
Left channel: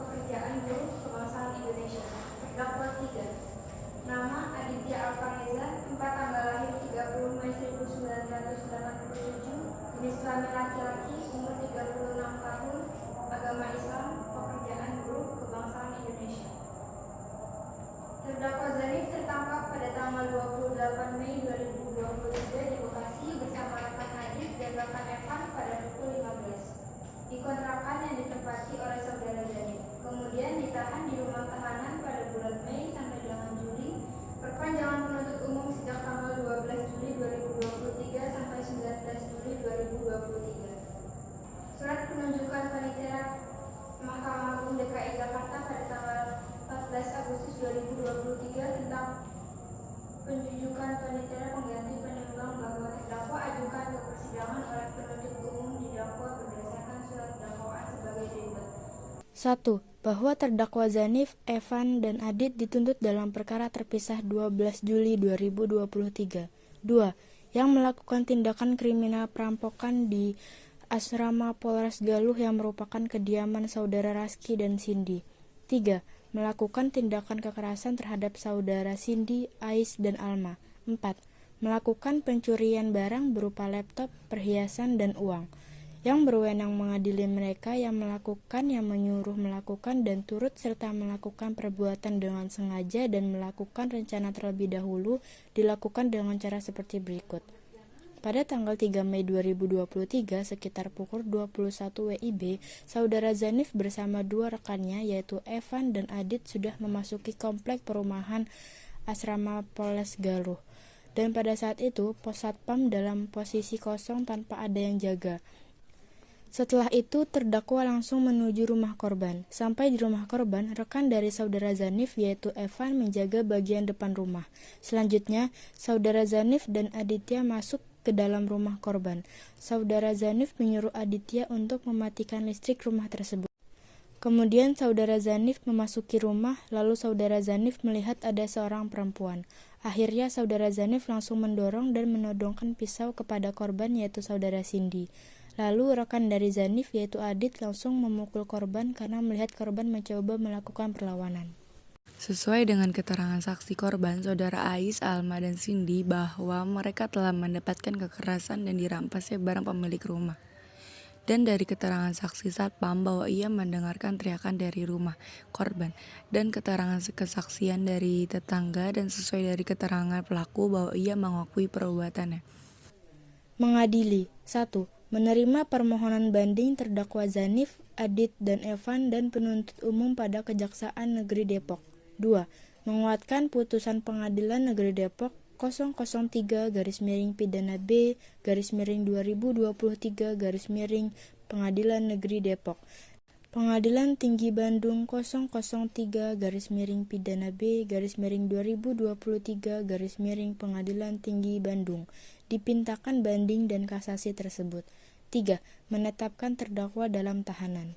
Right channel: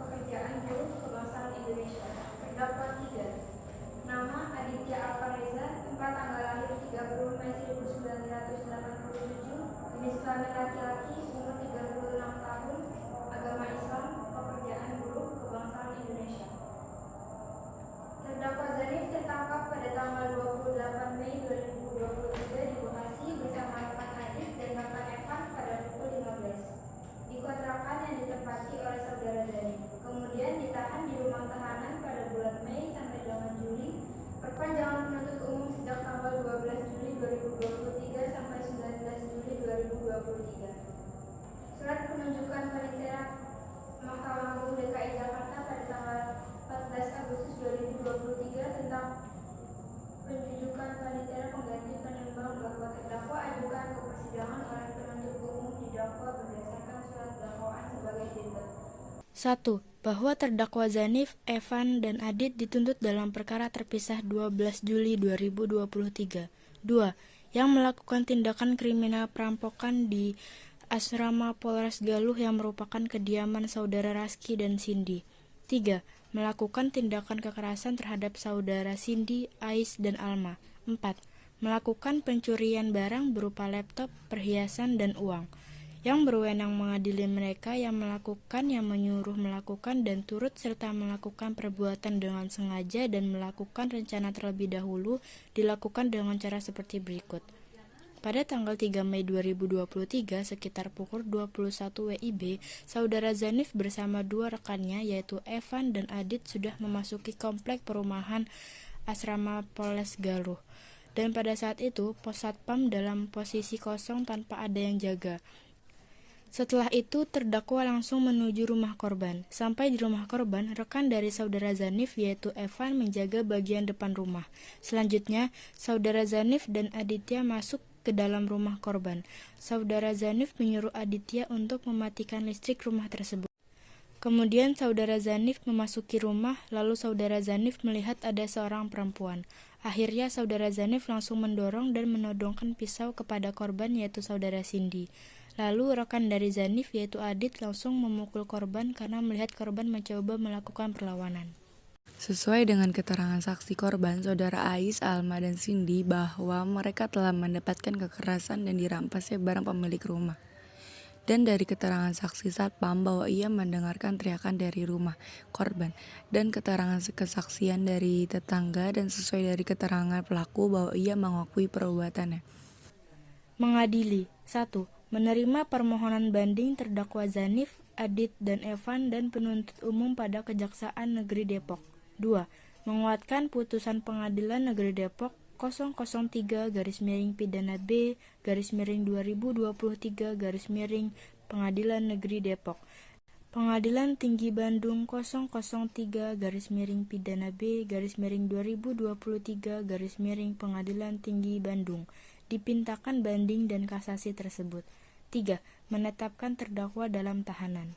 pekerjaan buruh, kebangsaan Indonesia. Terdakwa 3, nama Aditya Alfareza, tempat tanggal lahir 30 Mei 1987, jenis kelamin laki-laki, umur 36 tahun, agama Islam, pekerjaan buruh, kebangsaan Indonesia. Terdakwa Zanif tertangkap pada tanggal 28 Mei 2023 di Bekasi bersama rekan Adit dan rekan Evan pada pukul 15 di kontrakan yang ditempati oleh saudara Zanif. Kemudian ditahan di rumah tahanan pada bulan Mei sampai 8 Juli. Perpanjangan penuntut umum sejak tanggal 12 Juli 2023 sampai 19 Juli 2023. Surat penunjukan panitera Mahkamah Agung DKI Jakarta pada tanggal 14 Agustus 2023 tentang penunjukan panitera pengganti penimbang bahwa terdakwa ajukan ke persidangan oleh penuntut umum didakwa berdasarkan surat dakwaan sebagai berikut. 1. Bahwa terdakwa Zanif, Evan, dan Adit dituntut dalam perkara terpisah 12 Juli 2023. 2. Yang melakukan tindakan kriminal perampokan di asrama Polres Galuh yang merupakan kediaman saudara Raski dan Cindy. 3. Melakukan tindakan kekerasan terhadap saudara Cindy, Ais, dan Alma. 4. Melakukan pencurian barang berupa laptop, perhiasan, dan uang. Yang berwenang mengadili mereka yang melakukan, yang menyuruh melakukan, dan turut serta melakukan perbuatan dengan sengaja dan melakukan rencana terlebih dahulu dilakukan dengan cara seperti berikut. Pada tanggal 3 Mei 2023 sekitar pukul 21 WIB, saudara Zanif bersama dua rekannya yaitu Evan dan Adit sudah memasuki komplek perumahan asrama Polres Galuh. Dan pada saat itu, pos satpam dalam posisi kosong tanpa ada yang jaga. Setelah itu, terdakwa langsung menuju rumah korban. Sampai di rumah korban, rekan dari saudara Zanif yaitu Evan menjaga bagian depan rumah. Selanjutnya, saudara Zanif dan Aditya masuk ke dalam rumah korban. Saudara Zanif menyuruh Aditya untuk mematikan listrik rumah tersebut. Kemudian saudara Zanif memasuki rumah, lalu saudara Zanif melihat ada seorang perempuan. Akhirnya saudara Zanif langsung mendorong dan menodongkan pisau kepada korban yaitu saudara Cindy. Lalu rekan dari Zanif yaitu Adit langsung memukul korban karena melihat korban mencoba melakukan perlawanan. Sesuai dengan keterangan saksi korban, saudara Ais, Alma, dan Cindy bahwa mereka telah mendapatkan kekerasan dan dirampasnya barang pemilik rumah. Dan dari keterangan saksi satpam bahwa ia mendengarkan teriakan dari rumah korban dan keterangan kesaksian dari tetangga dan sesuai dari keterangan pelaku bahwa ia mengakui perbuatannya. Mengadili 1. menerima permohonan banding terdakwa Zanif, Adit, dan Evan dan penuntut umum pada Kejaksaan Negeri Depok. 2. Menguatkan putusan Pengadilan Negeri Depok 003-B-2023 Pengadilan Negeri Depok. Pengadilan Tinggi Bandung 003-B-2023 Pengadilan Tinggi Bandung dipintakan banding dan kasasi tersebut. 3. Menetapkan terdakwa dalam tahanan.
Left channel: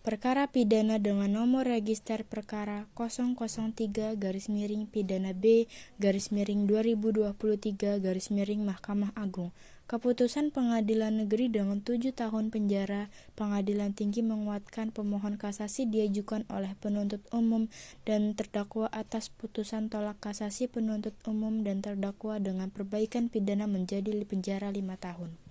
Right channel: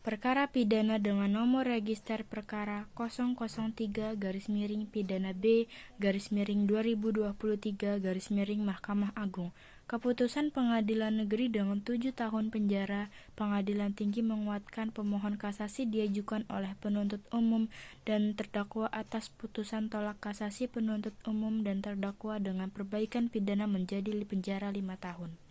Perkara pidana dengan nomor register perkara 003-B-2023 Mahkamah Agung. Keputusan Pengadilan Negeri dengan 7 tahun penjara. Pengadilan Tinggi menguatkan pemohon kasasi diajukan oleh penuntut umum dan terdakwa atas putusan tolak kasasi penuntut umum dan terdakwa dengan perbaikan pidana menjadi penjara 5 tahun.